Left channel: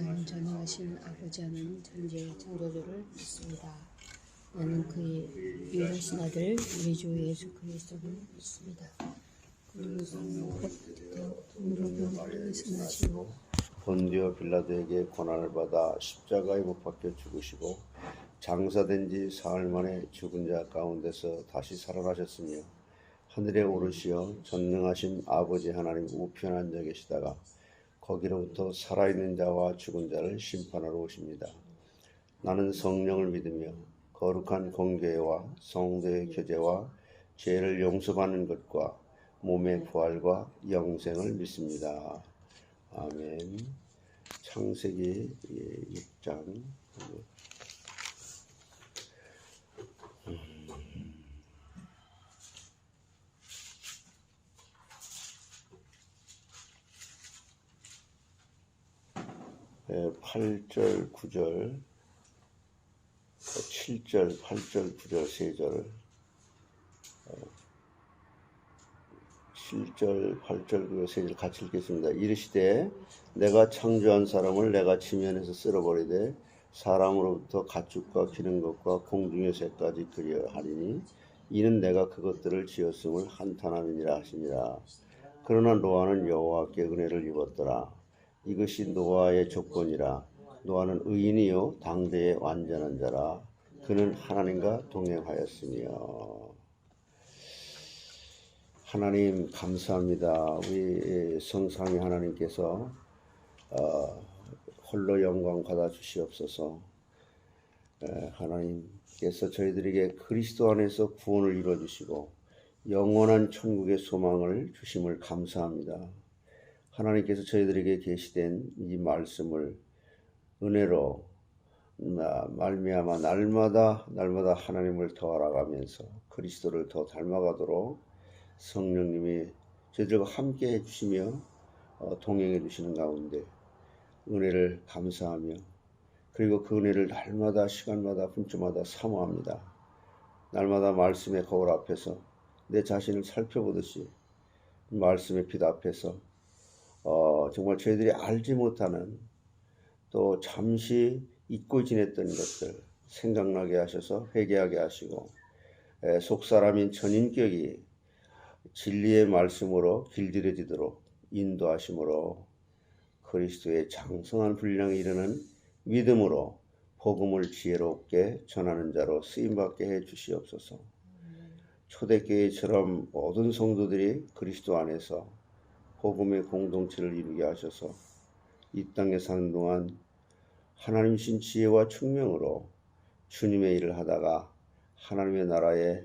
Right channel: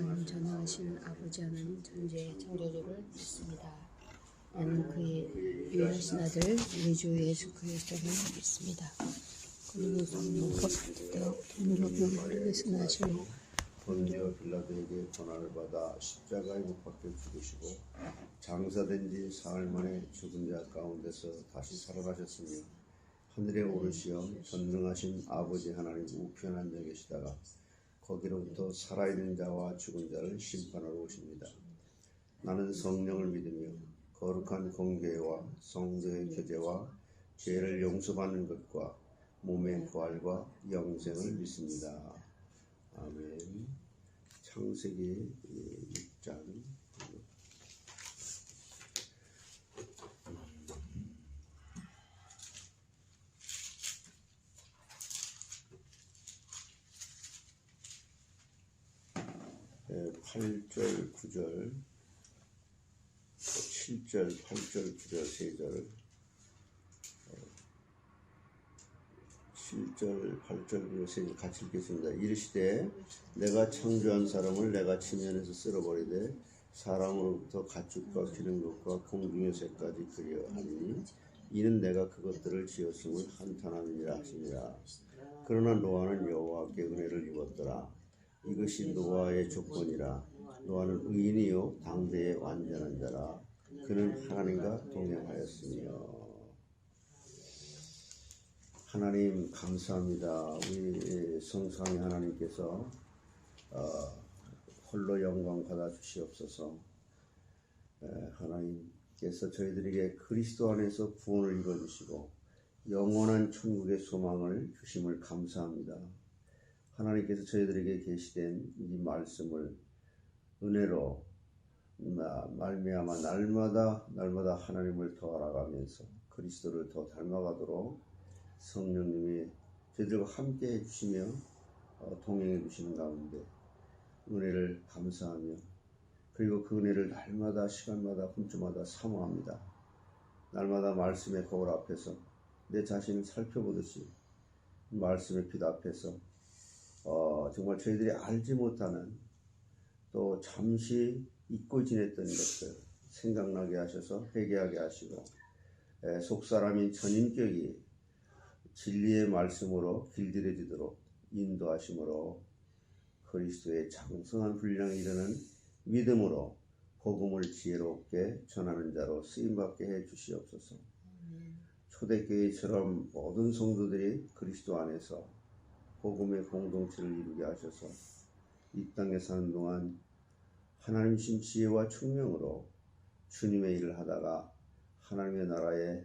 나는 전능하신 아버지 하나님 존재 창조주를 믿습니다. 나는 그의 유일하신 아들 우리 주 예수 그리스도를 믿습니다. 그는 우리로 병거를 대신하시고 본디오 빌라도에게 고난을 받아 십자가에 못 박혀 죽으시고 장사된 지 사흘 만에 죽은 자 가운데서 다시 살아나셨으며 하늘에 오르시어 전능하신 아버지 하나님 우편 앉아 계시다가 거기로부터 살아있는 자와 죽은 자를 심판하러 오십니다. 나는 성령을 믿으며 거룩한 공교회와 성도의 교제와 죄를 용서받는 것과 몸의 부활과 영생을 믿습니다. 아멘. 창세기 6장 8절, 9절, 7절, 8절, 9절, 3절, 7절, 8절, 9절, 3절 같이 읽겠습니다. 이르시되 내가 창조한 사람을 내가 지면에서 쓸어버리되 사람으로부터 가축과 기는 것과 공중의 새까지 그려 하리니 이는 내가 그것들을 지었음을 한탄함이니라 하시니라. 그러나 노아는 여호와께 은혜를 입었더라. 이것이 노아의 조건이라. 노아는 의인이요 당대의 완전한 자라. 그는 하나님과 동행하였으며. 하나님 감사합니다. 우리 성삼위 하나님께서 홀로 영광 받아 주시옵소서. 하나님께서 저희들에게 그리스도 안에서 구원을 이루어 주시고 영원한 천국의 소망을 주심을 감사합니다. 하나님께서 저희들에게 계시된 이 말씀을 은혜로 말미암아 날마다 하나님을 더 알아가면서 그리스도를 더 닮아가도록 성령님이 저희들과 함께 해주시며 동행해 주시는 가운데 은혜를 감사하며 그리고 그 은혜를 날마다 시간마다 분주마다 사모합니다. 날마다 말씀의 거울 앞에서 내 자신을 살펴보듯이 말씀의 빛 앞에서 정말 저희들이 알지 못하는 또 잠시 잊고 지냈던 것들 생각나게 하셔서 회개하게 하시고 속사람인 전인격이 진리의 말씀으로 길들여지도록 인도하심으로 그리스도의 장성한 분량에 이르는 믿음으로 복음을 지혜롭게 전하는 자로 쓰임받게 해 주시옵소서. 초대교회처럼 모든 성도들이 그리스도 안에서 복음의 공동체를 이루게 하셔서 이 땅에 사는 동안 하나님이신 지혜와 총명으로 주님의 일을 하다가 하나님의 나라에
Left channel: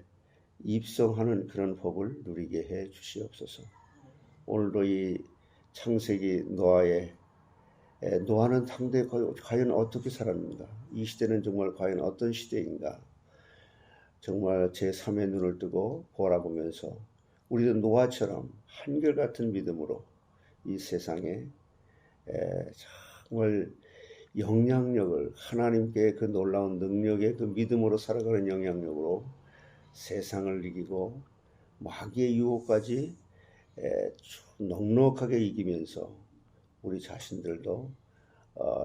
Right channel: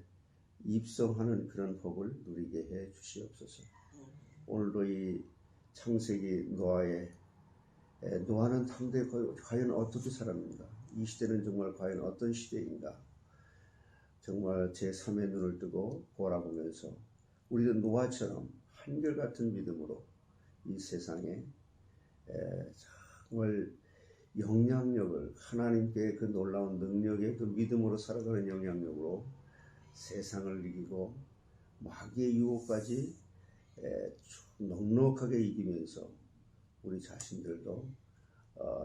입성하는 그런 복을 누리게 해 주시옵소서. 오늘도 이 창세기 노아는 당대에 과연 어떻게 살았는가? 이 시대는 정말 과연 어떤 시대인가? 정말 제3의 눈을 뜨고 보라보면서 우리도 노아처럼 한결같은 믿음으로 이 세상에 정말 영향력을 하나님께 그 놀라운 능력의 그 믿음으로 살아가는 영향력으로 세상을 이기고 마귀의 유혹까지 넉넉하게 이기면서 우리 자신들도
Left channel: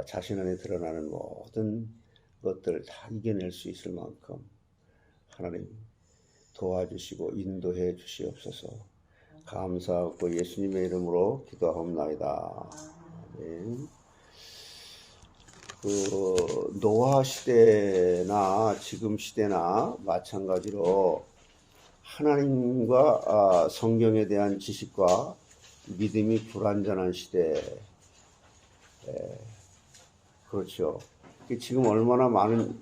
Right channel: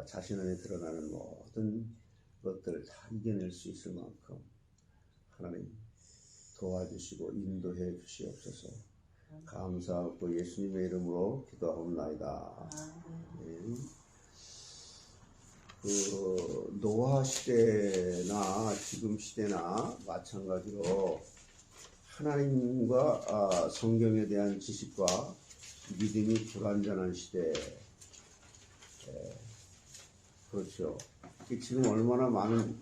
자신 안에 드러나는 모든 것들을 다 이겨낼 수 있을 만큼 하나님 도와주시고 인도해 주시옵소서. 감사하고 예수님의 이름으로 기도하옵나이다. 네. 노아 시대나 지금 시대나 마찬가지로 하나님과 성경에 대한 지식과 믿음이 불완전한 시대. 그렇죠. 지금 얼마나 많은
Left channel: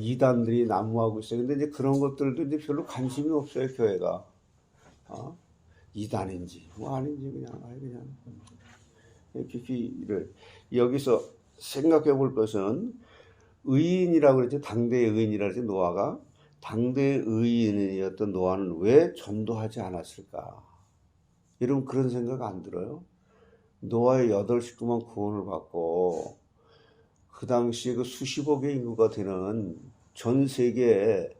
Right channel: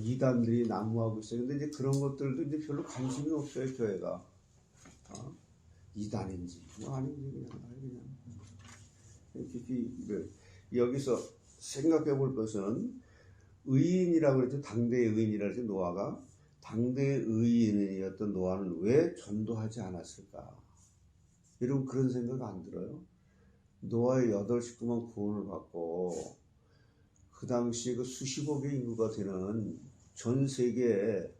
이단들이 난무하고 있어요. 근데 이제 그런 것들도 이제 별로 관심이 없어요, 교회가. 이단인지 뭐 아닌지 그냥 깊이를 여기서 생각해 볼 것은 의인이라고 그랬죠. 당대의 의인이라고 했죠. 노아가 당대의 의인이었던 노아는 왜 전도하지 않았을까? 여러분 그런 생각 안 들어요? 노아의 8식구만 구원을 받고 그 당시에 그 수십억의 인구가 되는 전 세계에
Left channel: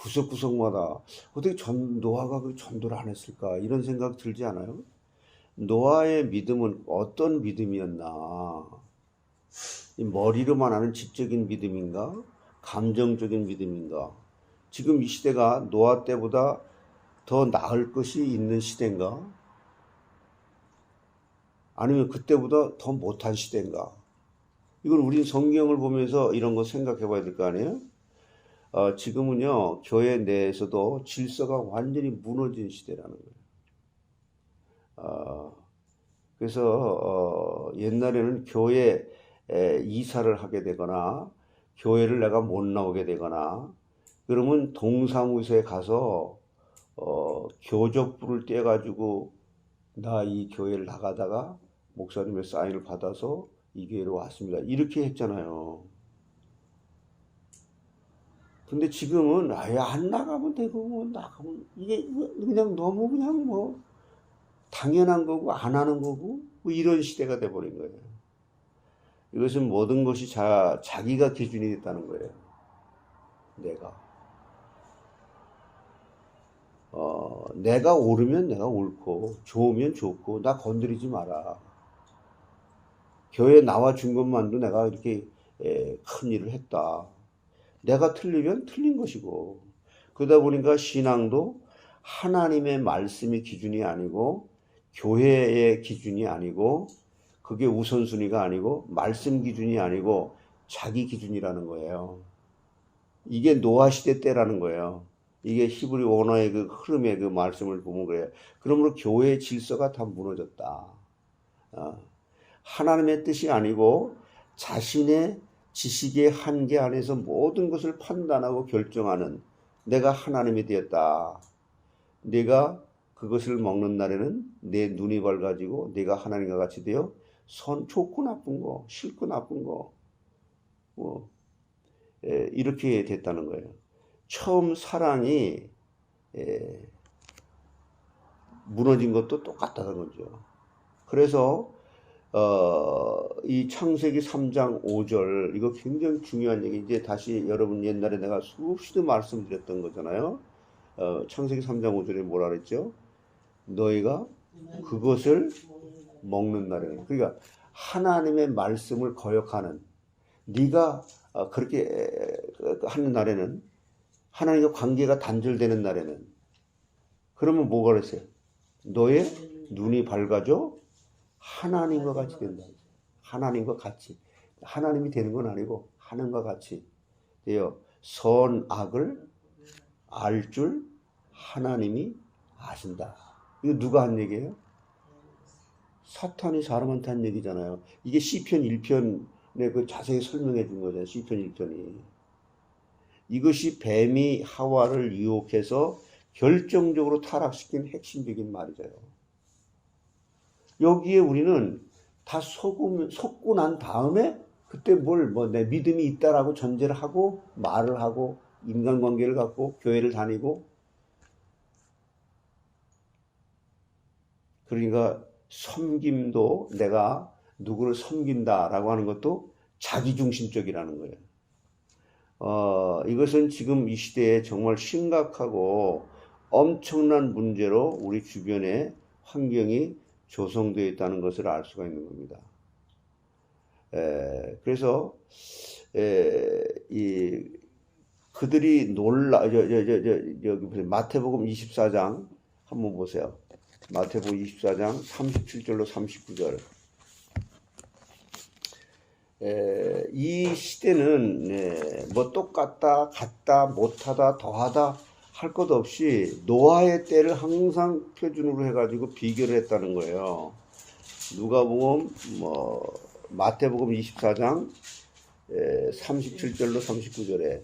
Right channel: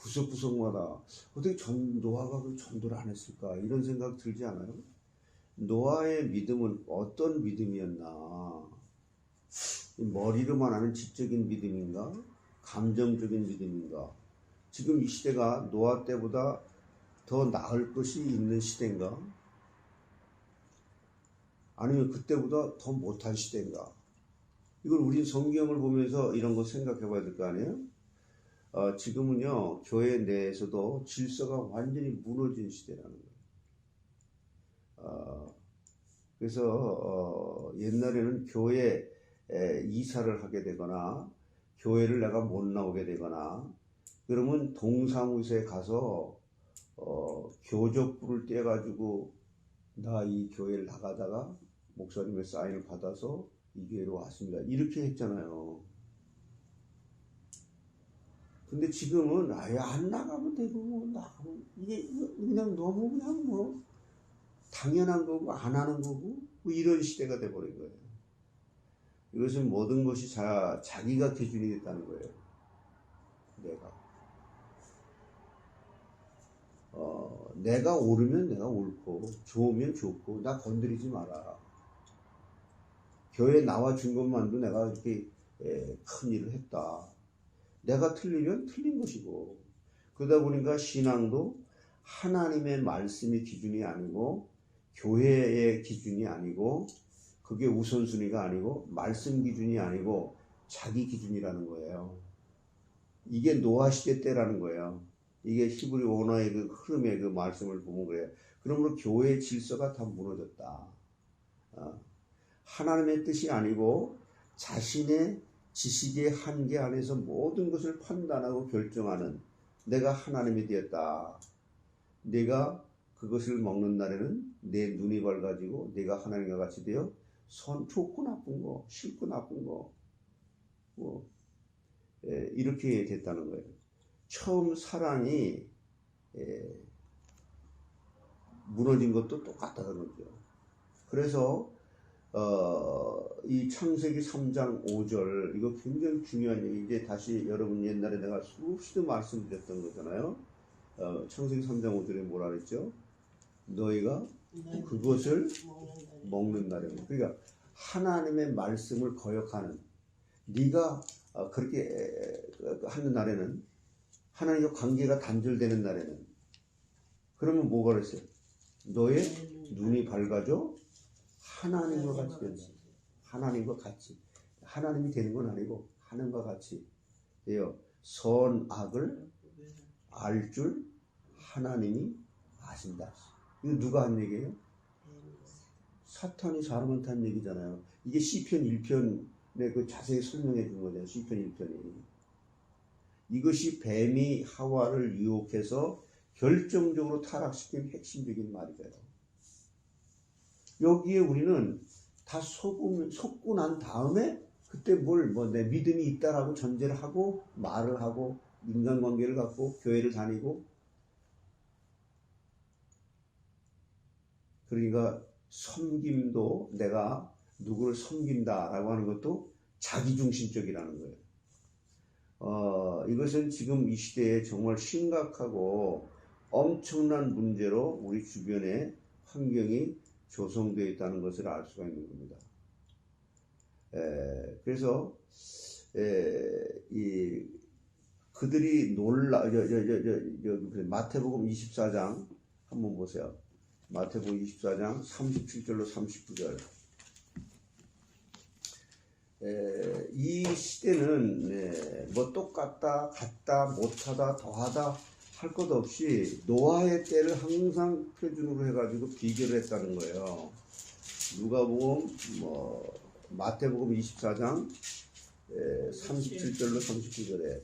구석구석마다 어떻게 노아가 그 전도를 안 했을까? 이런 생각 들지 않아요? 노아의 믿음은 어떤 믿음이었나? 이 머리로만 하는 지적인 믿음인가? 감정적인 믿음인가? 지금 이 시대가 노아 때보다 더 나을 것이 있는 시대인가? 아니면 그때보다 더 못한 시대인가? 이걸 우린 성경을 보면서 이런 거 생각해 봐야 될 거 아니에요? 지금은요, 교회 내에서도 질서가 완전히 무너진 시대라는 거예요. 그래서 옛날에는 교회 이사를 하게 되거나 교회를 내가 못 나오게 되거나 그러면 동사무소에 가서 교적부를 떼가지고 나 이 교회를 나가다가 목사님의 사인을 받아서 이 교회로 왔습니다. 이렇게 했잖아요. 근데 지금은 아예 안 나가면 되고 뭐 나가면 이게 그냥 너무 그냥 뭐 당연한 거고 안 하는 거고 뭐 이런 시대가 돼버린 거예요. 이것은 모든 것이 자기가 기준이 됐다는 거예요. 내가 옳으면 내가 옳고 좋으면 좋고 나 건드리지 마라. 교회 나와 준 것만도 내가 이렇게 큰 일을 했다. 내가 틀리면 틀린 것이고 그러다 보니까 신앙도 하나님의 말씀이 기준이 아니고 교회의 기준이 아니고 그게 우선순위가 아니고 말씀 기준이 아니고 자기 기준이라는 거예요. 이게 노아 시대 때라는 거예요. 이게 히브리 원어의 그 흐름의 그 말씀을 보면 그래요. 그러므로 교회의 질서가 다 무너졌다. 하나님의 뜻이 아니고 자신의 지식의 한계 안에서 모든 것을 판단하고 결정하는 내가 하나님이 되었다. 내가 그것을 먹는 날에는 내 눈이 밝아지고 내가 하나님과 같이 되어 좋고 나쁜 거, 싫고 나쁜 거 이렇게 됐다는 거예요. 처음 사랑이 무너진 것도 똑같다는 거죠. 그래서 이 창세기 3장 5절 이거 굉장히 중요한 얘기. 이제 다시 여러분 옛날에 내가 수없이도 말씀드렸던 거잖아요. 창세기 3장 5절에 뭐라 그랬죠? 너희가 그것을 먹는 날에는, 그러니까 하나님의 말씀을 거역하는 네가 그렇게 하는 날에는, 하나님과 관계가 단절되는 날에는, 그러면 뭐가 그랬어요? 너의 눈이 밝아져 하나님과 같이 된다. 하나님과 같이. 하나님이 되는 건 아니고 하나님과 같이 되어 선악을 알 줄 하나님이 아신다. 이거 누가 한 얘기예요? 사탄이 사람한테 한 얘기잖아요. 이게 시편 1편에 그 자세히 설명해 준 거잖아요. 시편 1편이. 이것이 뱀이 하와를 유혹해서 결정적으로 타락시킨 핵심적인 말이잖아요. 여기에 우리는 다 속고 난 다음에 그때 내 믿음이 있다라고 전제를 하고 말을 하고 인간관계를 갖고 교회를 다니고, 그러니까 섬김도 내가 누구를 섬긴다라고 하는 것도 자기중심적이라는 거예요. 이것은 지금 이 시대에 정말 심각하고 엄청난 문제로 우리 주변에 환경이 조성되어 있다는 것을 알 수가 있는 겁니다. 그래서 그들이 여기 마태복음 24장 한번 보세요. 마태복음 24장 37절로 39절. 이 시대는 뭐 똑같다, 같다, 못하다, 더하다 할 것 없이 노아의 때를 항상 표준으로 해가지고 비교를 했다는 거예요. 누가복음 마태복음 24장 37절로 39절에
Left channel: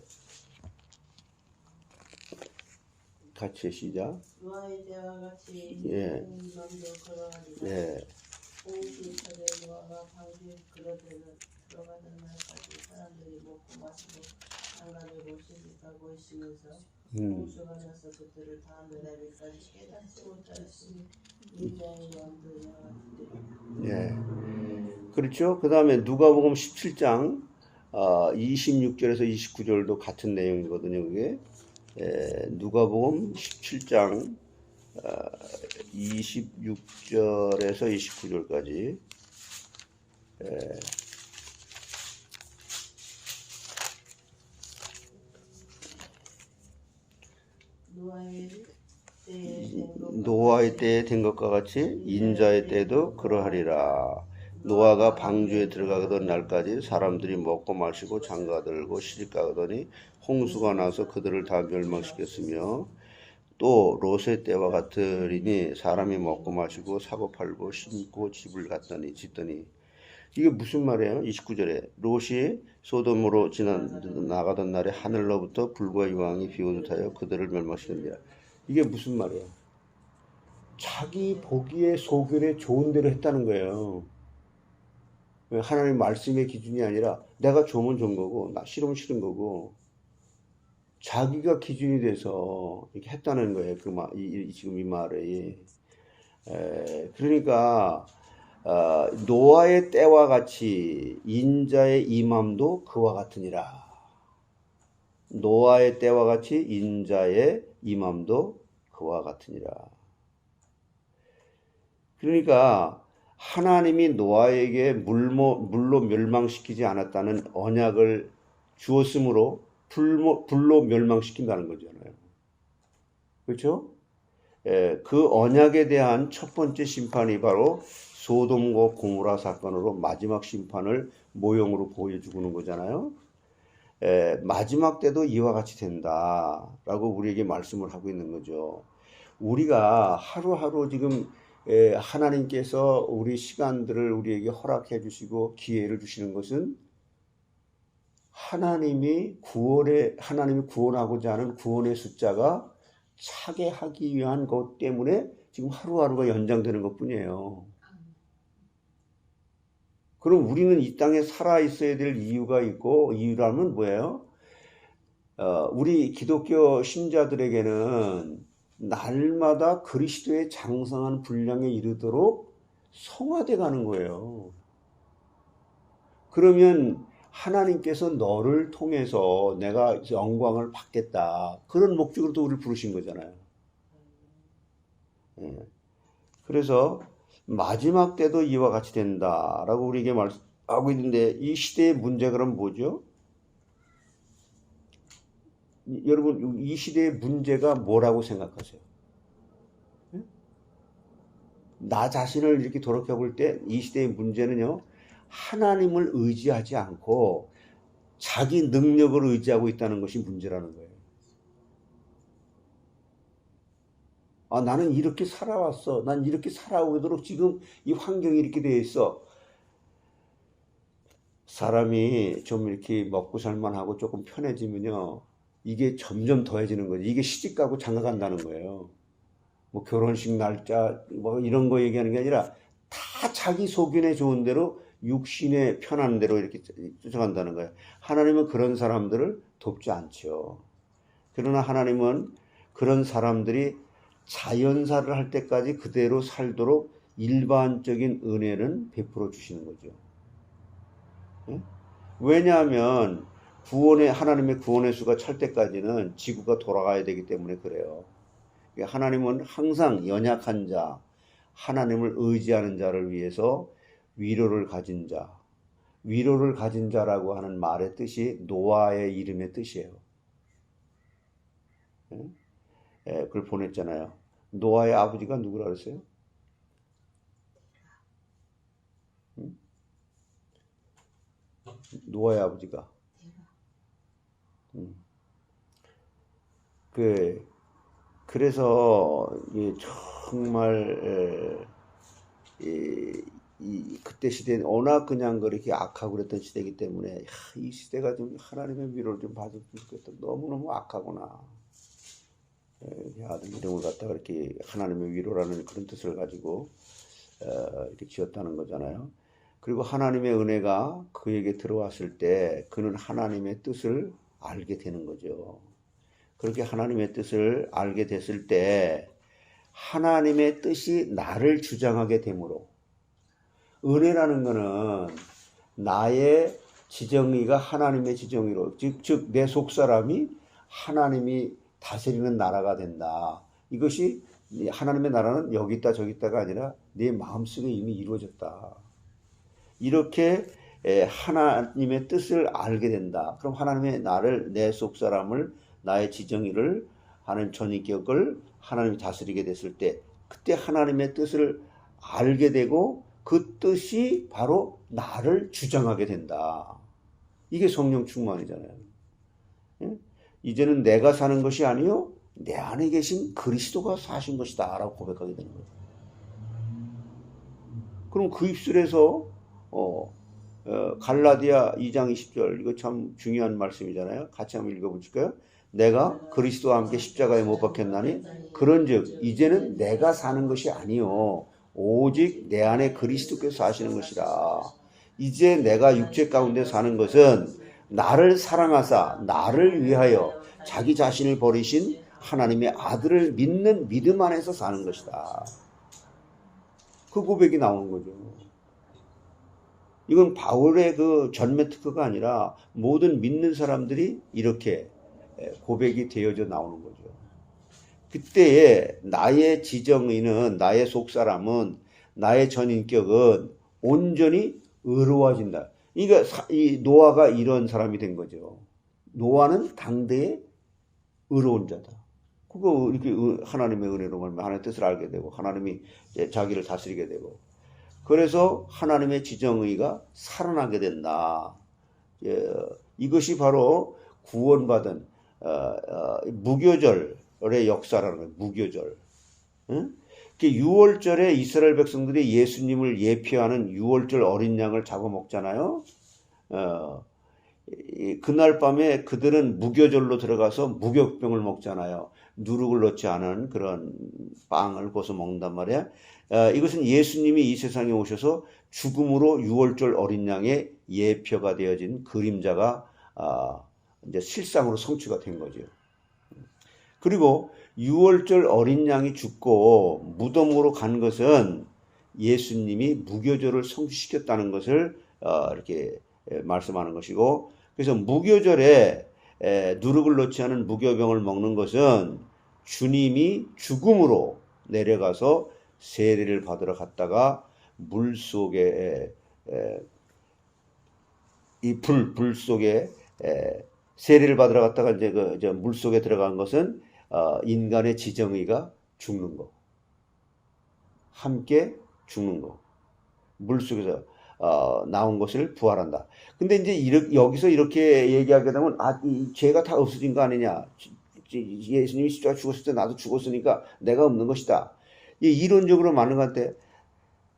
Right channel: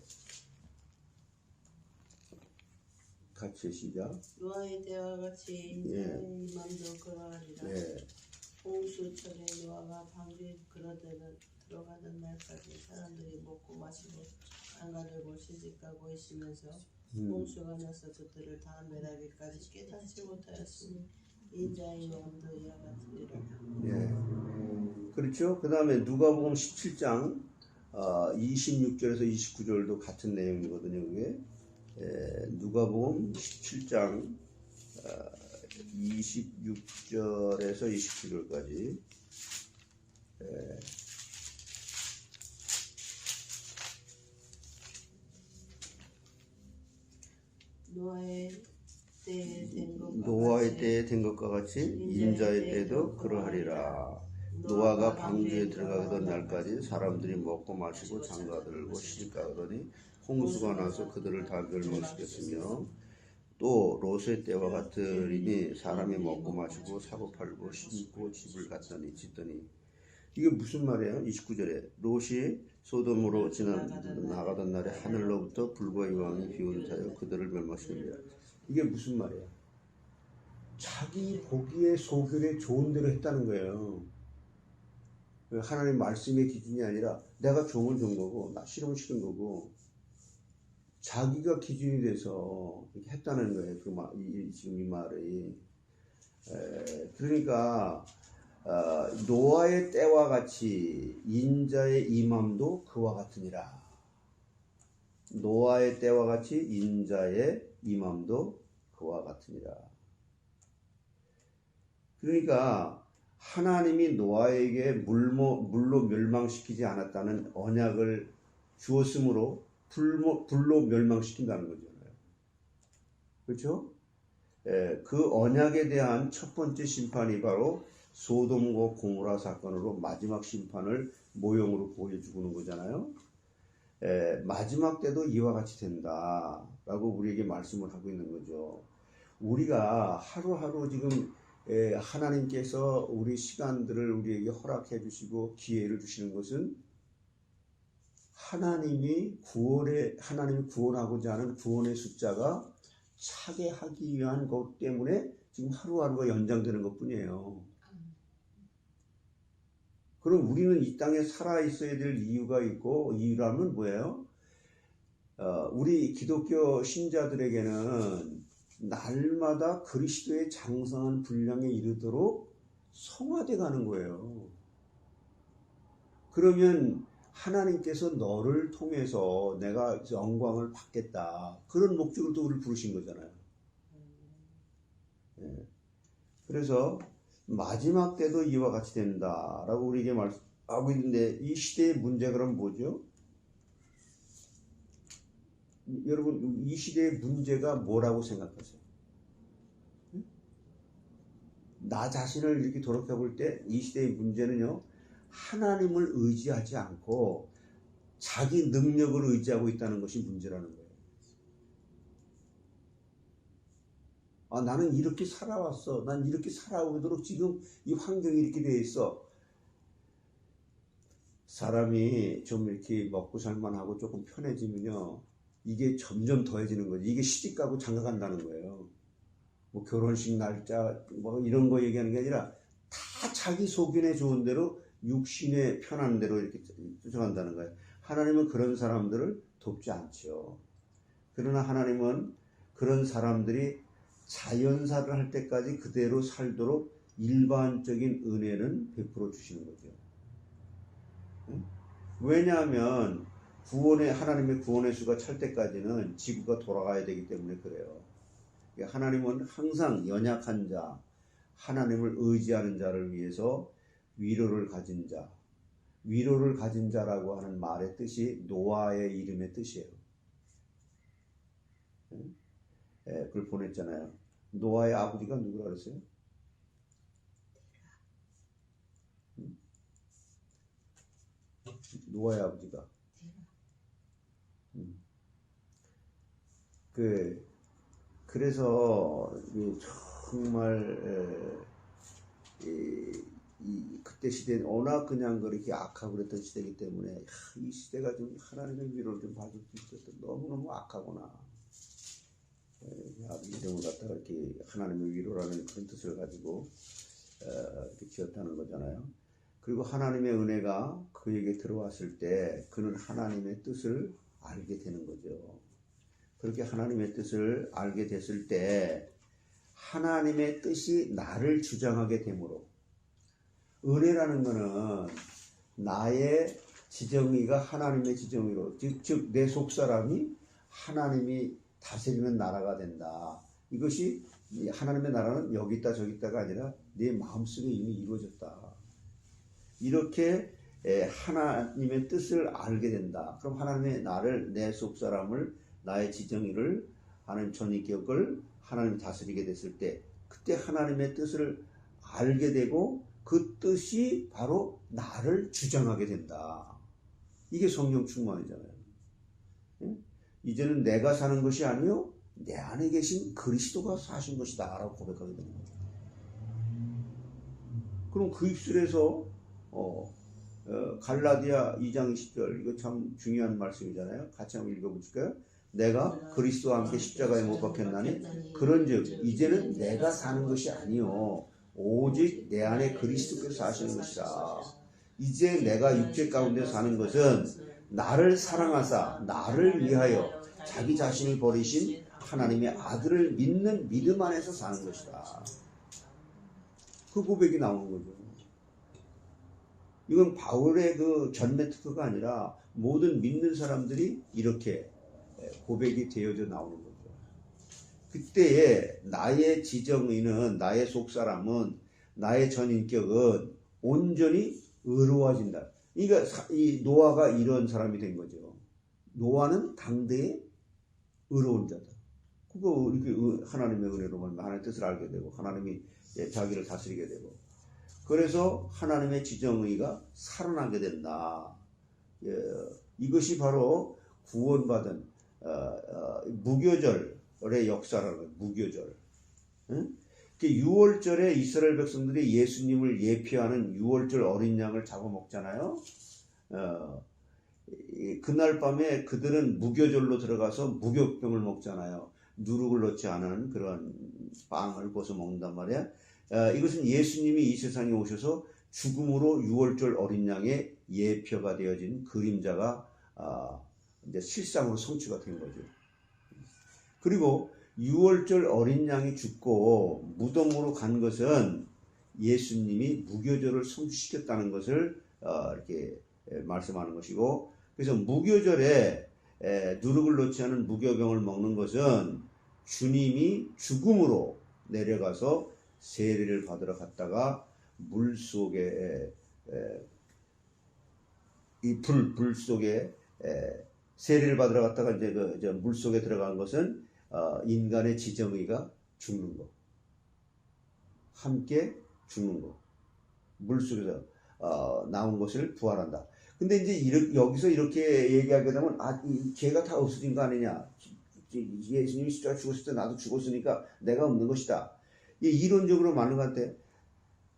같이 시작. 노아의 때와 같이 맘도 그러하리라. 홍수철에 노아가 방주에 들어가는 날까지 사람들이 먹고 마시고 장가들고 시집가고 있으면서 홍수가 나서 그들을 다 메라비까지 깨닫지 못하였으니 인자의 영도 이와 같으리라. 그렇죠. 그 다음에 누가복음 17장 26절에서 29절도 같은 내용이거든요. 그게 누가복음 17장 26절에서 29절까지 노아의 때에 된 것과 같이 인자의 때도 그러하리라. 노아가 방주에 들어가던 날까지 사람들이 먹고 마시고 장가들고 시집가더니 홍수가 나서 그들을 다 멸망시켰으며 또 롯의 때와 같으리니 사람이 먹고 마시고 사고 팔고 심고 집을 갖더니 짓더니. 이게 무슨 말이에요? 29절에 롯이 소돔으로 나가던 날에 하늘로부터 불과 유황이 비오듯 하여 그들을 멸망시킵니다. 이게 무슨 말이에요? 자기 보기에 소견에 좋은 대로 했다는 거예요. 하나님 말씀의 기준이 아니라 내가 좋으면 좋은 거고 나 싫으면 싫은 거고 자기가 기준이 돼서 이렇게 했다는 거예요. 지금 이 말이. 그러니까 노아의 때와 같이 인자의 임함도 그와 같으니라. 노아의 때와 같이 인자의 임함도 그와 같으니라. 그러니까 하나님이 노아에게 물로 멸망시키지 않았다는 언약을 주었으므로 불로 멸망시킨다는 거잖아요. 그렇죠? 그 언약에 대한 첫 번째 심판이 바로 소돔과 고모라 사건으로 마지막 심판을 모형으로 보여주는 거잖아요. 마지막 때도 이와 같이 된다라고 우리에게 말씀을 하고 있는 거죠. 우리가 하루하루 지금 하나님께서 우리 시간들을 우리에게 허락해 주시고 기회를 주시는 것은 하나님이 구원하고자 하는 구원의 숫자가 차게 하기 위한 것 때문에 지금 하루하루가 연장되는 것 뿐이에요. 그럼 우리는 이 땅에 살아 있어야 될 이유가 있고, 이유라면 뭐예요? 우리 기독교 신자들에게는 날마다 그리스도의 장성한 분량에 이르도록 성화돼 가는 거예요. 그러면 하나님께서 너를 통해서 내가 영광을 받겠다. 그런 목적으로 또 우리를 부르신 거잖아요. 그래서 마지막 때도 이와 같이 된다라고 우리에게 말하고 있는데 이 시대의 문제 그럼 뭐죠? 여러분 이 시대의 문제가 뭐라고 생각하세요? 나 자신을 이렇게 돌아볼 때 이 시대의 문제는요. 하나님을 의지하지 않고 자기 능력을 의지하고 있다는 것이 문제라는 거예요. 나는 이렇게 살아왔어. 난 이렇게 살아오도록 지금 이 환경이 이렇게 되어 있어. 사람이 좀 이렇게 먹고 살만하고 조금 편해지면요. 이게 점점 더해지는 거죠. 이게 시집가고 장가간다는 거예요. 뭐 결혼식 날짜 뭐 이런 거 얘기하는 게 아니라 다 자기 소견에 좋은 대로 육신에 편한 대로 이렇게 쫓아간다는 거예요. 하나님은 그런 사람들을 돕지 않죠. 그러나 하나님은 그런 사람들이 자연사를 할 때까지 그대로 살도록 일반적인 은혜는 베풀어 주시는 거죠. 왜냐하면 하나님의 구원의 수가 찰 때까지는 지구가 돌아가야 되기 때문에 그래요. 하나님은 항상 연약한 자, 하나님을 의지하는 자를 위해서 위로를 가진 자라고 하는 말의 뜻이 노아의 이름의 뜻이에요. 그걸 보냈잖아요. 노아의 아버지가 누구라 그랬어요? 노아의 아버지가 그래서 정말 그때 시대는 워낙 그냥 그렇게 악하고 그랬던 시대이기 때문에 이 시대가 좀 하나님의 위로를 좀 받으면 좋겠다. 너무너무 악하구나. 아들 이름을 갖다가 이렇게 하나님의 위로라는 그런 뜻을 가지고 이렇게 지었다는 거잖아요. 그리고 하나님의 은혜가 그에게 들어왔을 때 그는 하나님의 뜻을 알게 되는 거죠. 그렇게 하나님의 뜻을 알게 됐을 때 하나님의 뜻이 나를 주장하게 되므로 은혜라는 것은 나의 지정의가 하나님의 지정의로 즉 내 속사람이 하나님이 다스리는 나라가 된다. 이것이 하나님의 나라는 여기 있다 저기 있다가 아니라 내 마음속에 이미 이루어졌다. 이렇게 하나님의 뜻을 알게 된다. 그럼 하나님의 나를 내 속사람을 나의 지정의를 하는 전인격을 하나님이 다스리게 됐을 때 그때 하나님의 뜻을 알게 되고 그 뜻이 바로 나를 주장하게 된다. 이게 성령 충만이잖아요. 이제는 내가 사는 것이 아니요 내 안에 계신 그리스도가 사신 것이다 라고 고백하게 되는 거예요. 그럼 그 입술에서 갈라디아 2장 20절 이거 참 중요한 말씀이잖아요. 같이 한번 읽어보실까요? 내가 그리스도와 함께 십자가에 못 박혔나니 그런즉 이제는 내가 사는 것이 아니요 오직 내 안에 그리스도께서 사시는 것이라. 이제 내가 육체 가운데 사는 것은 나를 사랑하사 나를 위하여 자기 자신을 버리신 하나님의 아들을 믿는 믿음 안에서 사는 것이다. 그 고백이 나오는 거죠. 이건 바울의 그 전매 특허가 아니라 모든 믿는 사람들이 이렇게 고백이 되어져 나오는 거죠. 그때에 나의 지정의는, 나의 속사람은, 나의 전인격은 온전히 의로워진다. 그러니까 이 노아가 이런 사람이 된 거죠. 노아는 당대의 의로운 자다. 그거 이렇게 하나님의 은혜로 말하면 하나님의 뜻을 알게 되고 하나님이 자기를 다스리게 되고 그래서 하나님의 지정의가 살아나게 된다. 이것이 바로 구원받은 무교절의 역사라는 거예요. 무교절. 응? 유월절에 이스라엘 백성들이 예수님을 예표하는 유월절 어린 양을 잡아먹잖아요. 그날 밤에 그들은 무교절로 들어가서 무교병을 먹잖아요. 누룩을 넣지 않은 그런 빵을 벗어 먹는단 말이에요. 이것은 예수님이 이 세상에 오셔서 죽음으로 유월절 어린 양의 예표가 되어진 그림자가 이제 실상으로 성취가 된 거죠. 그리고 유월절 어린 양이 죽고 무덤으로 간 것은 예수님이 무교절을 성취시켰다는 것을 이렇게 말씀하는 것이고, 그래서 무교절에 누룩을 넣지 않은 무교병을 먹는 것은 주님이 죽음으로 내려가서 세례를 받으러 갔다가 물 속에 이 불 속에 세례를 받으러 갔다가 이제 물 속에 들어간 것은 인간의 지정의가 죽는 거, 함께 죽는 거, 물 속에서 나온 것을 부활한다. 근데 이제 여기서 이렇게 얘기하게 되면 이 죄가 다 없어진 거 아니냐? 예수님이 십자가 죽었을 때 나도 죽었으니까 내가 없는 것이다. 이론적으로 맞는 것 같아.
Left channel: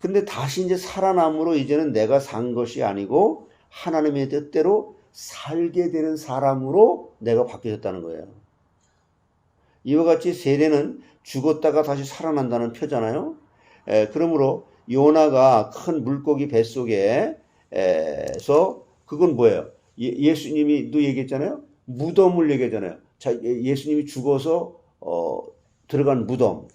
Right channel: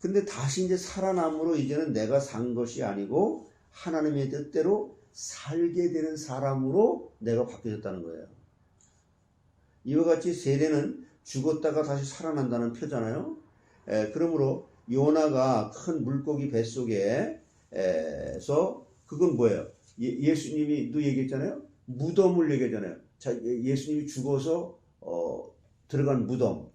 근데 다시 이제 살아남으로 이제는 내가 산 것이 아니고 하나님의 뜻대로 살게 되는 사람으로 내가 바뀌어졌다는 거예요. 이와 같이 세례는 죽었다가 다시 살아난다는 표잖아요. 그러므로 요나가 큰 물고기 뱃속에서 그건 뭐예요? 예수님이 얘기했잖아요. 무덤을 얘기했잖아요. 자, 예수님이 죽어서 들어간 무덤,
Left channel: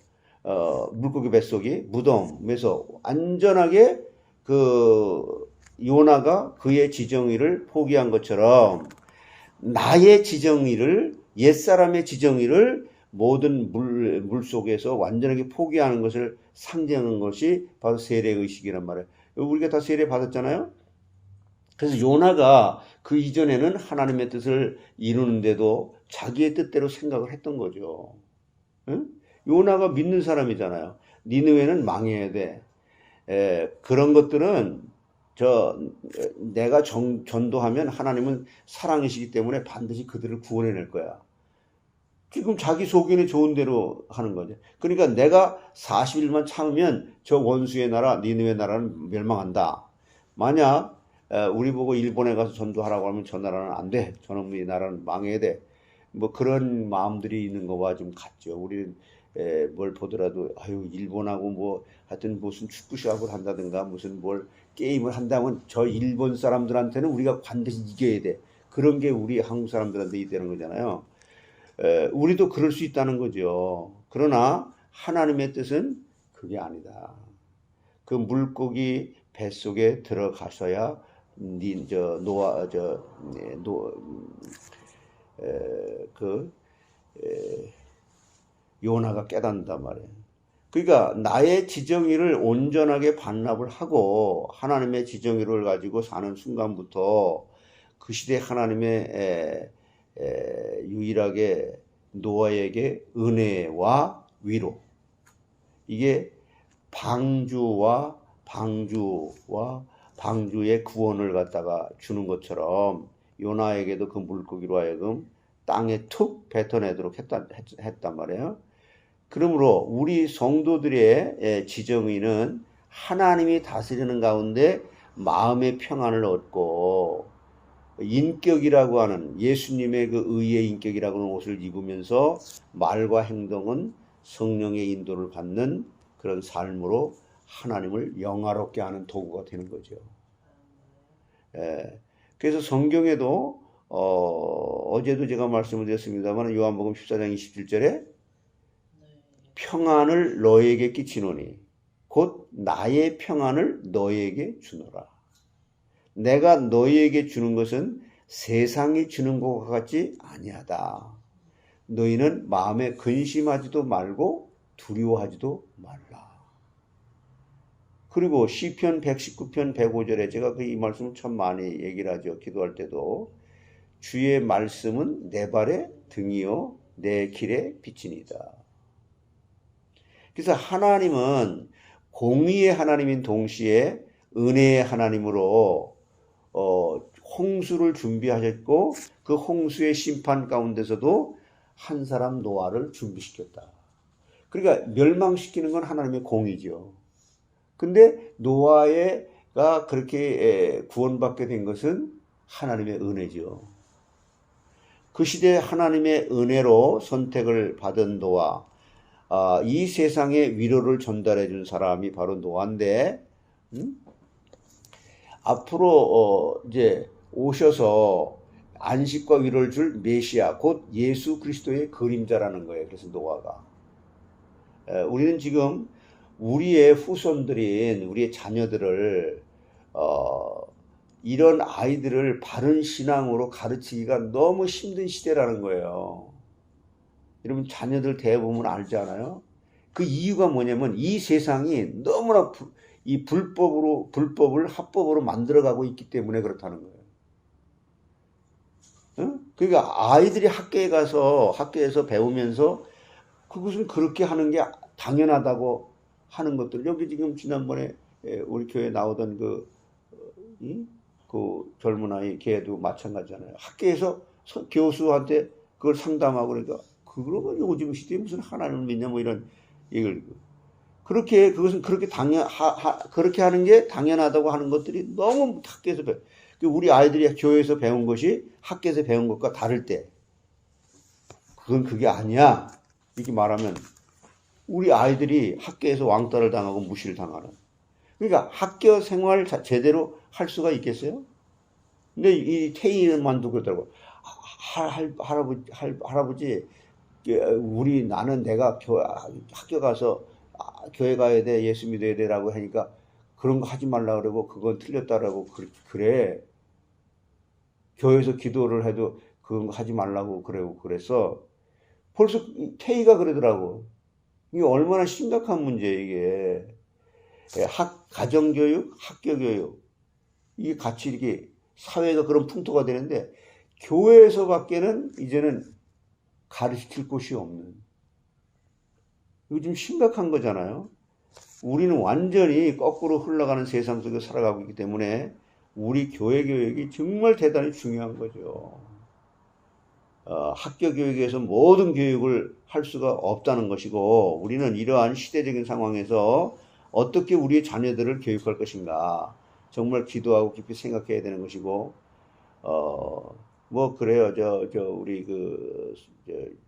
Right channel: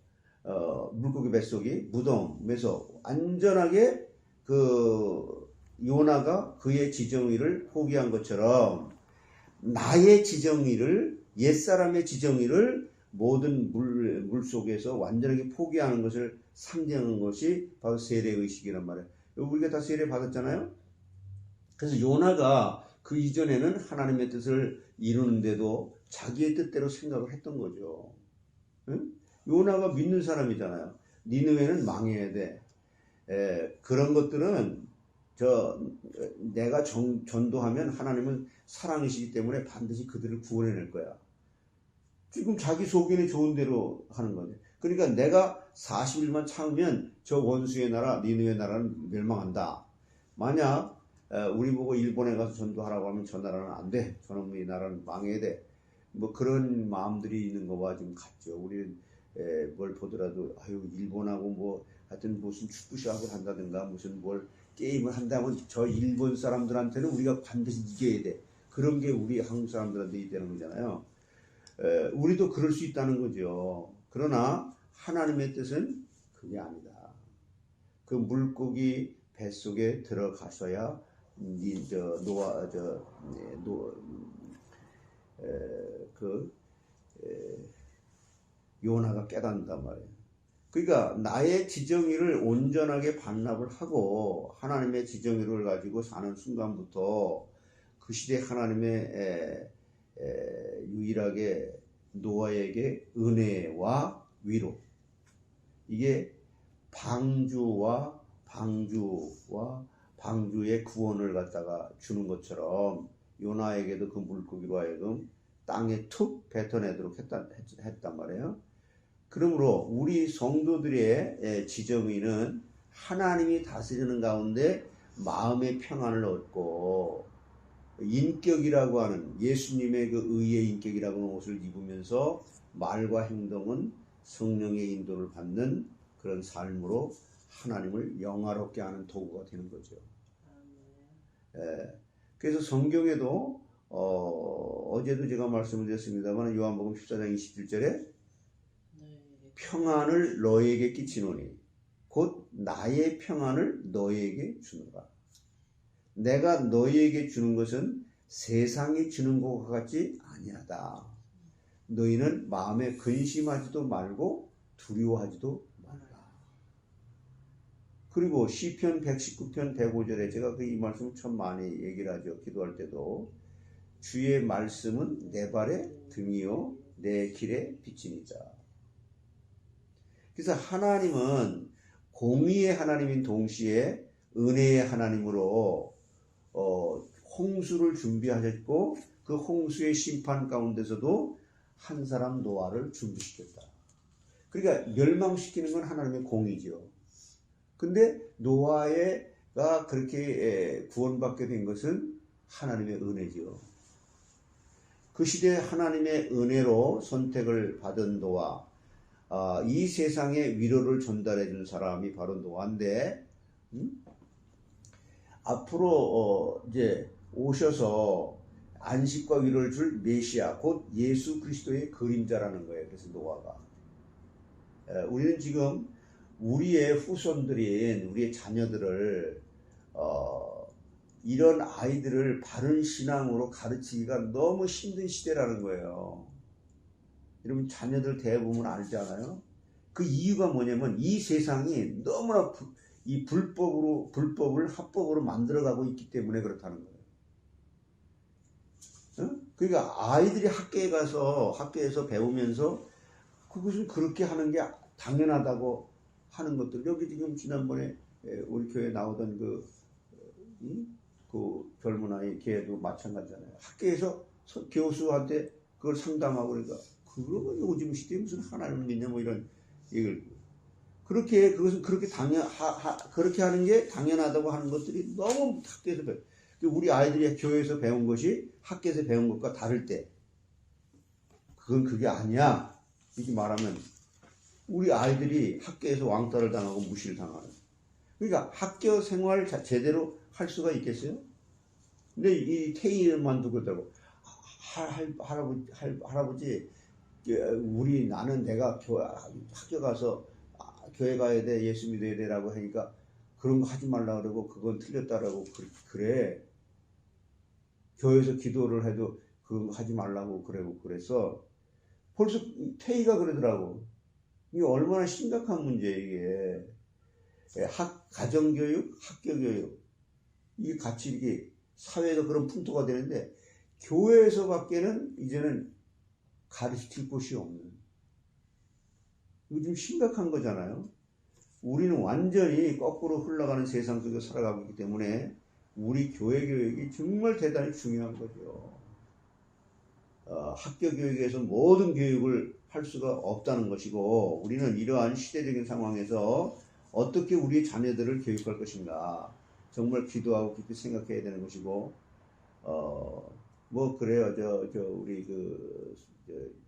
물고기 뱃속이 무덤에서 안전하게 그 요나가 그의 지정의를 포기한 것처럼 나의 지정의를, 옛사람의 지정의를 모든 물 속에서 완전하게 포기하는 것을 상징하는 것이 바로 세례의식이란 말이에요. 우리가 다 세례 받았잖아요. 그래서 요나가 그 이전에는 하나님의 뜻을 이루는데도 자기의 뜻대로 생각을 했던 거죠. 응? 요나가 믿는 사람이잖아요. 니느웨는 망해야 돼. 그런 것들은 내가 전도하면 하나님은 사랑이시기 때문에 반드시 그들을 구원해낼 거야. 지금 자기 속에는 좋은 대로 하는 거죠. 그러니까 내가 40일만 참으면 저 원수의 나라 니느웨 나라는 멸망한다. 만약 우리 보고 일본에 가서 전도하라고 하면 저 나라는 안 돼. 저놈의 나라는 망해야 돼. 뭐 그런 마음들이 있는 거와 좀 같죠. 우리는 뭘 보더라도 일본하고 뭐 하여튼 무슨 축구 시합을 한다든가 무슨 뭘 게임을 한다면 저 일본 사람들한테는 우리가 반드시 이겨야 돼. 그런 게 우리 한국 사람들한테 있다는 거잖아요. 우리도 그럴 수 있다는 거죠. 그러나 하나님의 뜻은 그게 아니다. 그 물고기 뱃속에 들어가서야 요나가 깨닫는단 말이에요. 그러니까 나의 지정의를 온전하게 반납을 하고 하나님의 지정의를 가지고 사는 순간부터 그 시대 하나님의 유일하게 노아에게 은혜와 위로, 이게 방주의 구원을 갖다가 주는 것처럼 요나에게도 그 물고기로 하여금 땅에 툭 뱉어내도록 했단 말이에요. 그러므로 우리 성도들의 지정의는 하나님이 다스리는 가운데 마음의 평안을 얻고 인격이라고 하는 예수님의 그 의의 인격이라고 하는 옷을 입으면서 말과 행동은 성령의 인도를 받는 그런 삶으로 하나님을 영화롭게 하는 도구가 되는 거죠. 그래서 성경에도 어제도 제가 말씀을 드렸습니다만 요한복음 14장 27절에 평안을 너에게 끼치노니 곧 나의 평안을 너에게 주노라. 내가 너희에게 주는 것은 세상이 주는 것과 같지 아니하다. 너희는 마음에 근심하지도 말고 두려워하지도 말라. 그리고 시편 119편 105절에 제가 이 말씀을 참 많이 얘기를 하죠. 기도할 때도 주의 말씀은 내 발의 등이요 내 길의 빛이니이다. 그래서 하나님은 공의의 하나님인 동시에 은혜의 하나님으로 홍수를 준비하셨고 그 홍수의 심판 가운데서도 한 사람 노아를 준비시켰다. 그러니까 멸망시키는 건 하나님의 공의죠. 근데 노아가 그렇게 구원받게 된 것은 하나님의 은혜죠. 그 시대에 하나님의 은혜로 선택을 받은 노아, 이 세상에 위로를 전달해 준 사람이 바로 노아인데, 앞으로 이제 오셔서 안식과 위로를 줄 메시아, 곧 예수 그리스도의 그림자라는 거예요. 그래서 노아가. 우리는 지금 우리의 후손들인 우리의 자녀들을 이런 아이들을 바른 신앙으로 가르치기가 너무 힘든 시대라는 거예요. 여러분 자녀들 대해보면 알잖아요. 그 이유가 뭐냐면 이 세상이 너무나 이 불법을 합법으로 만들어가고 있기 때문에 그렇다는 거예요. 그러니까 아이들이 학교에서 배우면서 그것은 그렇게 하는 게 당연하다고 하는 것들. 여기 지금 지난번에 우리 교회에 나오던 그 젊은 아이 걔도 마찬가지잖아요. 학교에서 교수한테 그걸 상담하고 그러니까 그러면 요즘 시대에 무슨 하나님을 믿냐 뭐 이런 얘기를 그것은 그렇게 그렇게 하는 게 당연하다고 하는 것들이 너무 학교에서 우리 아이들이 교회에서 배운 것이 학교에서 배운 것과 다를 때 그건 그게 아니야. 이렇게 말하면 우리 아이들이 학교에서 왕따를 당하고 무시를 당하는. 그러니까 학교 생활 제대로 할 수가 있겠어요? 근데 이 태희만도 그러더라고. 할아버지, 나는 내가 학교 가서 교회 가야 돼, 예수 믿어야 돼라고 하니까 그런 거 하지 말라 그러고 그건 틀렸다라고 그래. 교회에서 기도를 해도 그런 거 하지 말라고 그래서 벌써 태희가 그러더라고. 이게 얼마나 심각한 문제예요, 이게. 가정교육, 학교교육. 이게 같이 이렇게 사회가 그런 풍토가 되는데, 교회에서밖에는 이제는 가르칠 곳이 없는. 이거 좀 심각한 거잖아요. 우리는 완전히 거꾸로 흘러가는 세상 속에 살아가고 있기 때문에 우리 교회 교육이 정말 대단히 중요한 거죠. 학교 교육에서 모든 교육을 할 수가 없다는 것이고 우리는 이러한 시대적인 상황에서 어떻게 우리의 자녀들을 교육할 것인가 정말 기도하고 깊이 생각해야 되는 것이고 뭐 그래요. 우리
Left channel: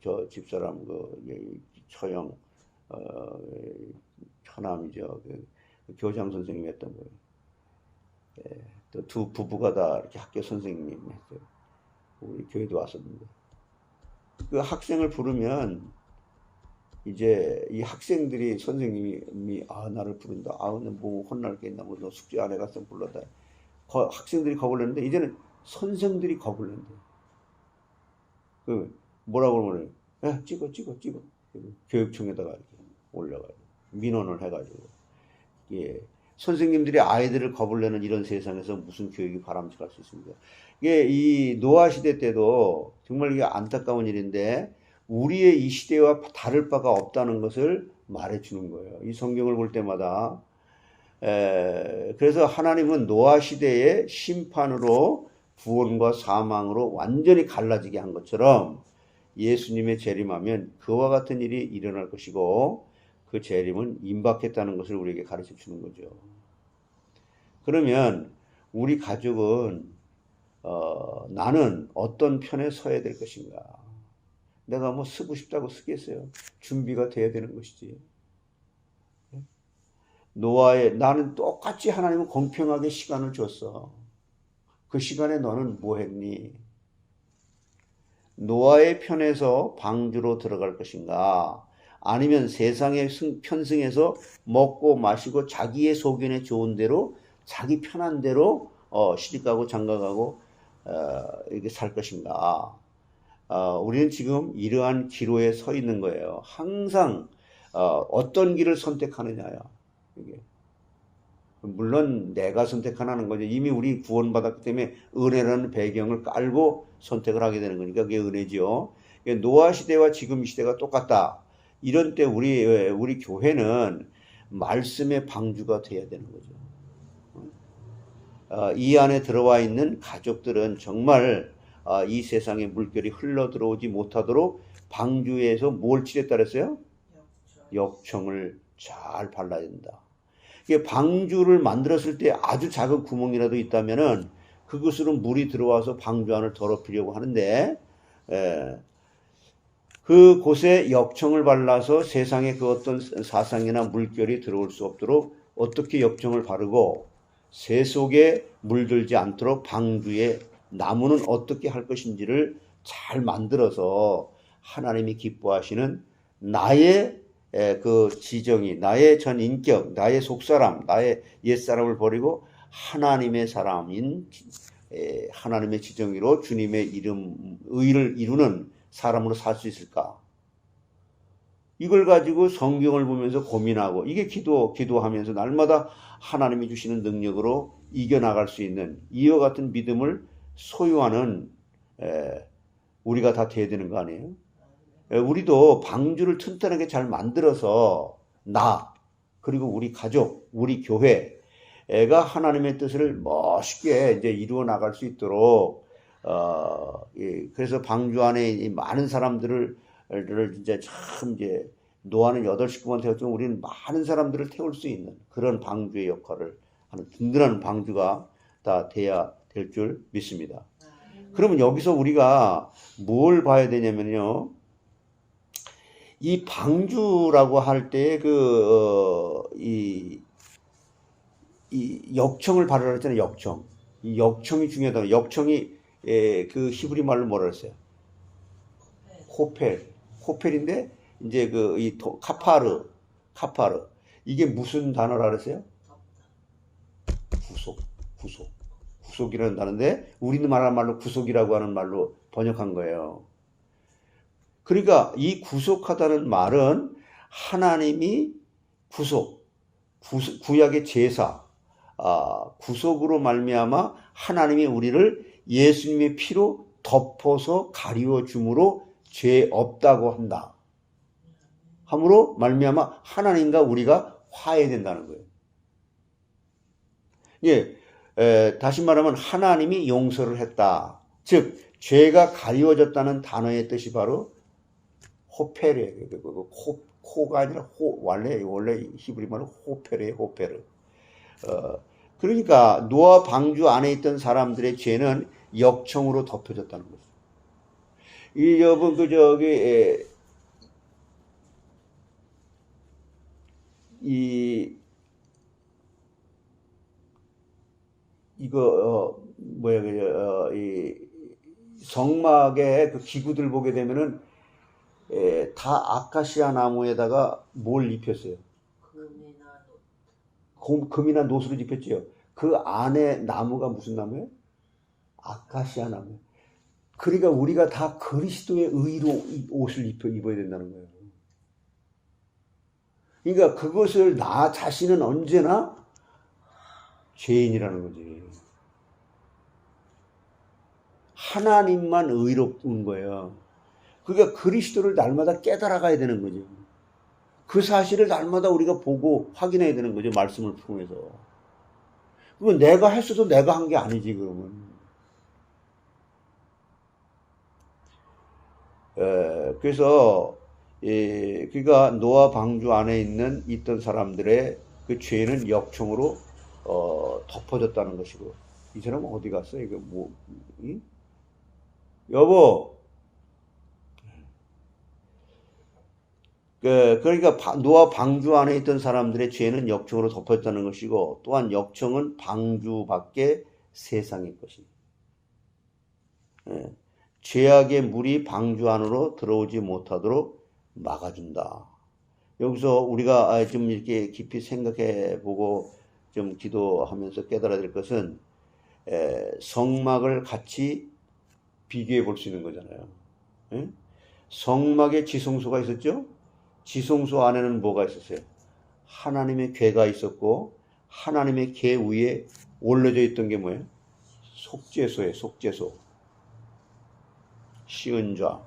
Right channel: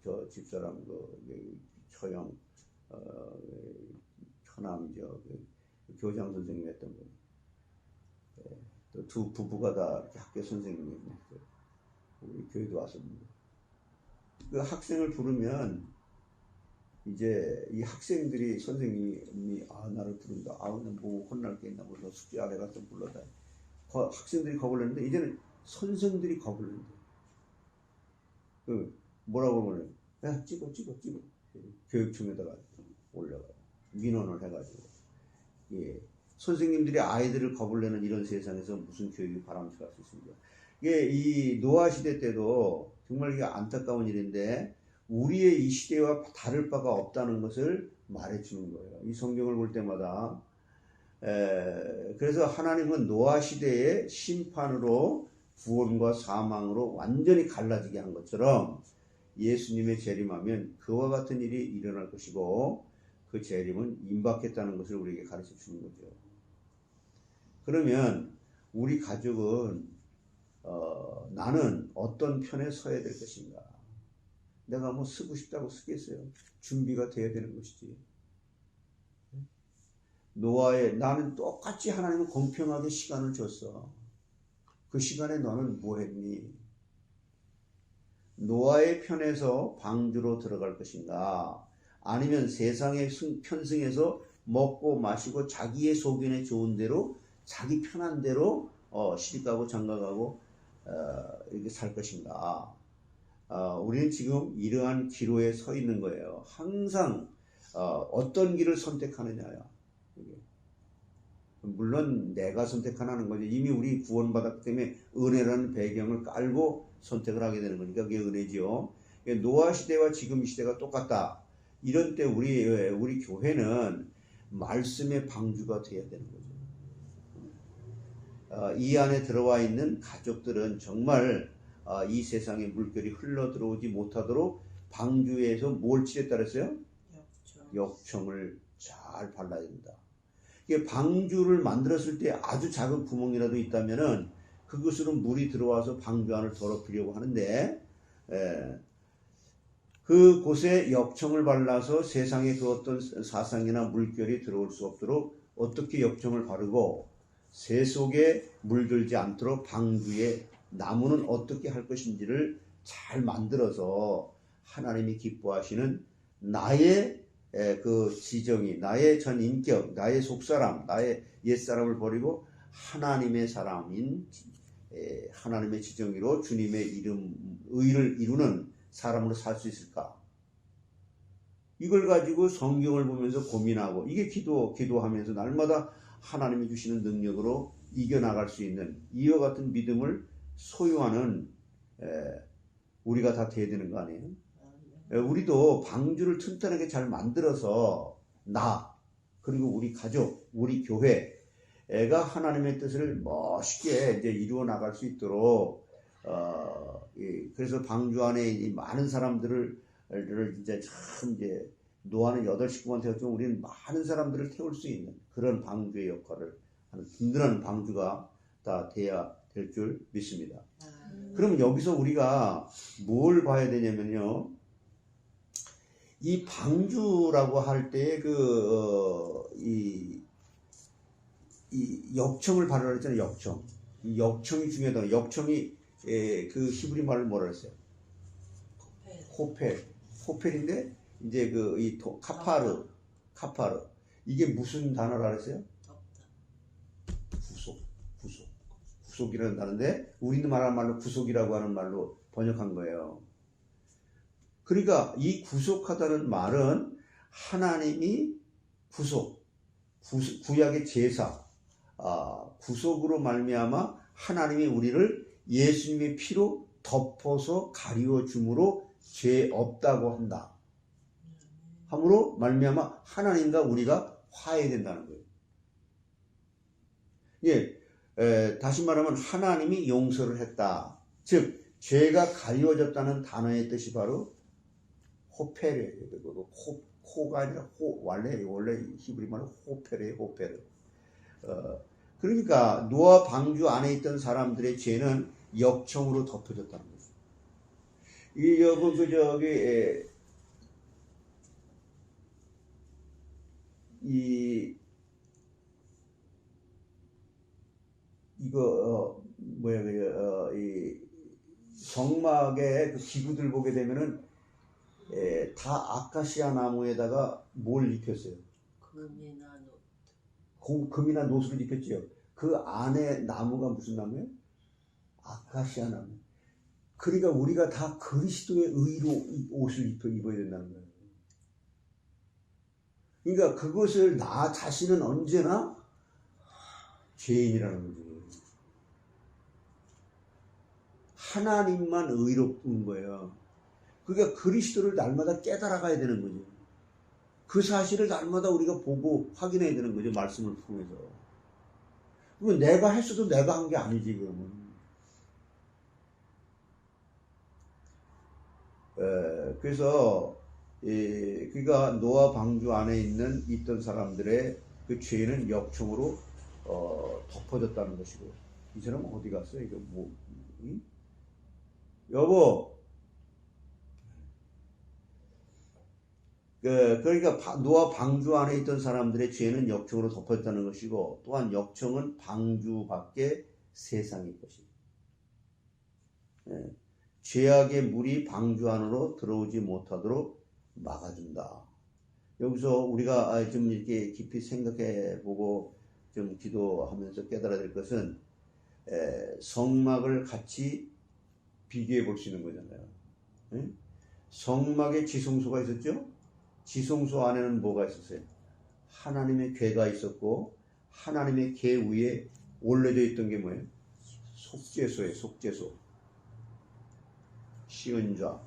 저 집사람 처형 처남이죠. 그 교장 선생님 했던 거예요. 또 두 부부가 다 이렇게 학교 선생님 했어요. 우리 교회도 왔었는데 그 학생을 부르면 이제 이 학생들이 선생님이 나를 부른다. 뭐 혼날 게 있나 뭐 너 숙제 안 해갔어 불러다. 학생들이 겁을 내는데 이제는 선생들이 겁을 낸대. 뭐라고 그러면 찍어. 교육청에다가 이렇게 올려가지고 민원을 해가지고 선생님들이 아이들을 겁을 내는 이런 세상에서 무슨 교육이 바람직할 수 있습니까? 이 노아 시대 때도 정말 이게 안타까운 일인데 우리의 이 시대와 다를 바가 없다는 것을 말해주는 거예요. 이 성경을 볼 때마다. 그래서 하나님은 노아 시대의 심판으로 구원과 사망으로 완전히 갈라지게 한 것처럼 예수님의 재림하면 그와 같은 일이 일어날 것이고 그 재림은 임박했다는 것을 우리에게 가르쳐 주는 거죠. 그러면 우리 가족은 나는 어떤 편에 서야 될 것인가? 내가 뭐 쓰고 싶다고 쓰겠어요? 준비가 돼야 되는 것이지. 나는 똑같이 하나님은 공평하게 시간을 줬어. 그 시간에 너는 뭐 했니? 노아의 편에서 방주로 들어갈 것인가? 아니면 세상에 편승해서 먹고 마시고 자기의 소견에 좋은 대로 자기 편한 대로 시집가고 장가가고 이렇게 살 것인가? 우리는 지금 이러한 기로에 서 있는 거예요. 항상 어떤 길을 선택하느냐야. 이게. 물론 내가 선택하는 거죠. 이미 우리 구원받았기 때문에 은혜라는 배경을 깔고 선택을 하게 되는 거니까 그게 은혜죠. 노아 시대와 지금 시대가 똑같다. 이런 때 우리 교회는 말씀의 방주가 돼야 되는 거죠. 이 안에 들어와 있는 가족들은 정말 이 세상에 물결이 흘러 들어오지 못하도록 방주에서 뭘 칠했다 그랬어요? 역청을 잘 발라야 된다. 이게 방주를 만들었을 때 아주 작은 구멍이라도 있다면은 그것으로 물이 들어와서 방주 안을 더럽히려고 하는데 그곳에 역청을 발라서 세상에 그 어떤 사상이나 물결이 들어올 수 없도록 어떻게 역청을 바르고 새 속에 물들지 않도록 방주에 나무는 어떻게 할 것인지를 잘 만들어서 하나님이 기뻐하시는 나의 그 지정이, 나의 전 인격, 나의 속사람, 나의 옛사람을 버리고 하나님의 사람인 하나님의 지정의로 주님의 이름, 의를 이루는 사람으로 살 수 있을까? 이걸 가지고 성경을 보면서 고민하고 이게 기도하면서 날마다 하나님이 주시는 능력으로 이겨나갈 수 있는 이와 같은 믿음을 소유하는 우리가 다 돼야 되는 거 아니에요? 우리도 방주를 튼튼하게 잘 만들어서 나 그리고 우리 가족, 우리 교회가 하나님의 뜻을 멋있게 이제 이루어 나갈 수 있도록 그래서 방주 안에 많은 사람들을 이제 참 이제 노아는 8식구만 태웠지만 우리는 많은 사람들을 태울 수 있는 그런 방주의 역할을 하는 든든한 방주가 다 돼야 될 줄 믿습니다. 그러면 여기서 우리가 뭘 봐야 되냐면요. 이 방주라고 할 때 이 역청을 바르라 했잖아요. 역청. 이 역청이 중요하다. 역청이 그 히브리 말로 뭐라 그랬어요? 호펠인데 이제 카파르. 이게 무슨 단어라 그랬어요? 구속이라는 단어인데 우리는 말하는 말로 구속이라고 하는 말로 번역한 거예요. 그러니까 이 구속하다는 말은 하나님이 구약의 제사, 구속으로 말미암아 하나님이 우리를 예수님의 피로 덮어서 가리워 줌으로 죄 없다고 한다. 함으로 말미암아 하나님과 우리가 화해된다는 거예요. 예, 다시 말하면 하나님이 용서를 했다. 즉 죄가 가리워졌다는 단어의 뜻이 바로 호페르예요. 코가 아니라 원래 히브리 말은 호페르. 그러니까 노아 방주 안에 있던 사람들의 죄는 역청으로 덮여졌다는 거죠. 이 여러분 이 성막의 그 기구들 보게 되면은 다 아카시아 나무에다가 뭘 입혔어요? 금이나 노수를 입혔지요. 그 안에 나무가 무슨 나무예요? 아카시아 나무. 그러니까 우리가 다 그리스도의 의로 옷을 입어야 된다는 거예요. 그러니까 그것을 나 자신은 언제나 죄인이라는 거지. 하나님만 의롭은 거예요. 그러니까 그리스도를 날마다 깨달아가야 되는 거죠. 그 사실을 날마다 우리가 보고 확인해야 되는 거죠. 말씀을 통해서. 그건 내가 했어도 내가 한 게 아니지, 그러면. 그래서 그러니까 노아 방주 안에 있던 사람들의 그 죄는 역청으로 덮어졌다는 것이고, 이 사람은 어디 갔어? 이거 뭐? 응? 여보. 그러니까 노아 방주 안에 있던 사람들의 죄는 역청으로 덮어졌다는 것이고, 또한 역청은 방주 밖에 세상일 것입니다. 죄악의 물이 방주 안으로 들어오지 못하도록 막아준다. 여기서 우리가 좀 이렇게 깊이 생각해 보고 좀 기도하면서 깨달아야 될 것은 성막을 같이 비교해 볼 수 있는 거잖아요. 성막에 지성소가 있었죠? 지성소 안에는 뭐가 있었어요? 하나님의 궤가 있었고, 하나님의 궤 위에 올려져 있던 게 뭐예요? 속죄소예요, 속죄소. 시은좌.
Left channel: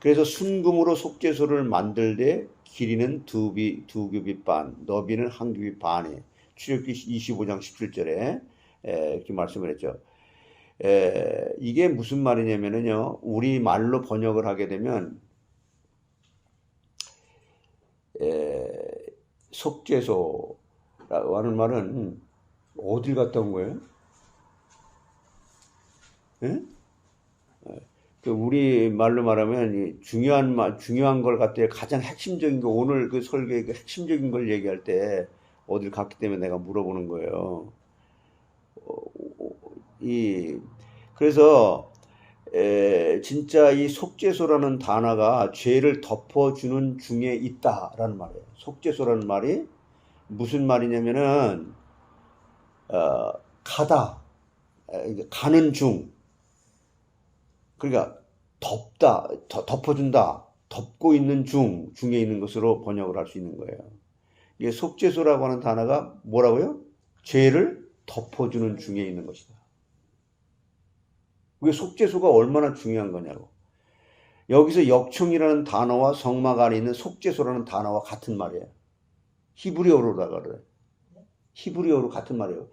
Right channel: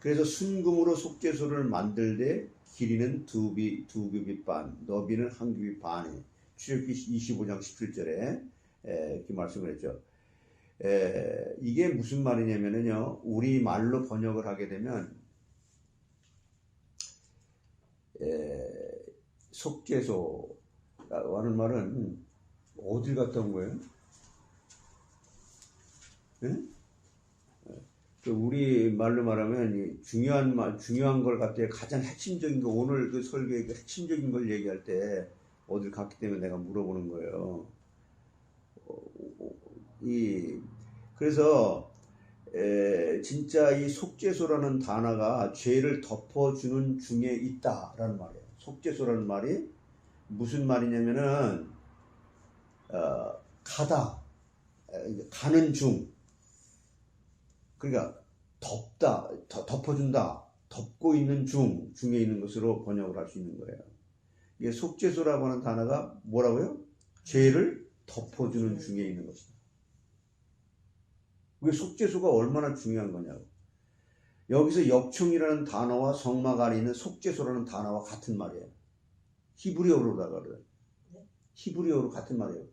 그래서 순금으로 속죄소를 만들 때 길이는 두 규빗 반, 너비는 한 규빗 반에, 출애굽기 25장 17절에 이렇게 말씀을 했죠. 이게 무슨 말이냐면요, 우리 말로 번역을 하게 되면 속죄소라고 하는 말은 어딜 갔다 온 거예요? 우리 말로 말하면 중요한 걸 갖다 가장 핵심적인 거, 오늘 그 설교의 그 핵심적인 걸 얘기할 때 어딜 갔기 때문에 내가 물어보는 거예요. 그래서 진짜 이 속죄소라는 단어가 죄를 덮어주는 중에 있다라는 말이에요. 속죄소라는 말이 무슨 말이냐면은 가는 중, 그러니까 덮어준다, 덮고 있는 중에 있는 것으로 번역을 할 수 있는 거예요. 이게 속죄소라고 하는 단어가 뭐라고요? 죄를 덮어주는 중에 있는 것이다. 그게 속죄소가 얼마나 중요한 거냐고. 여기서 역청이라는 단어와 성막 안에 있는 속죄소라는 단어와 같은 말이에요. 히브리어로다가 그래. 히브리어로 같은 말이에요.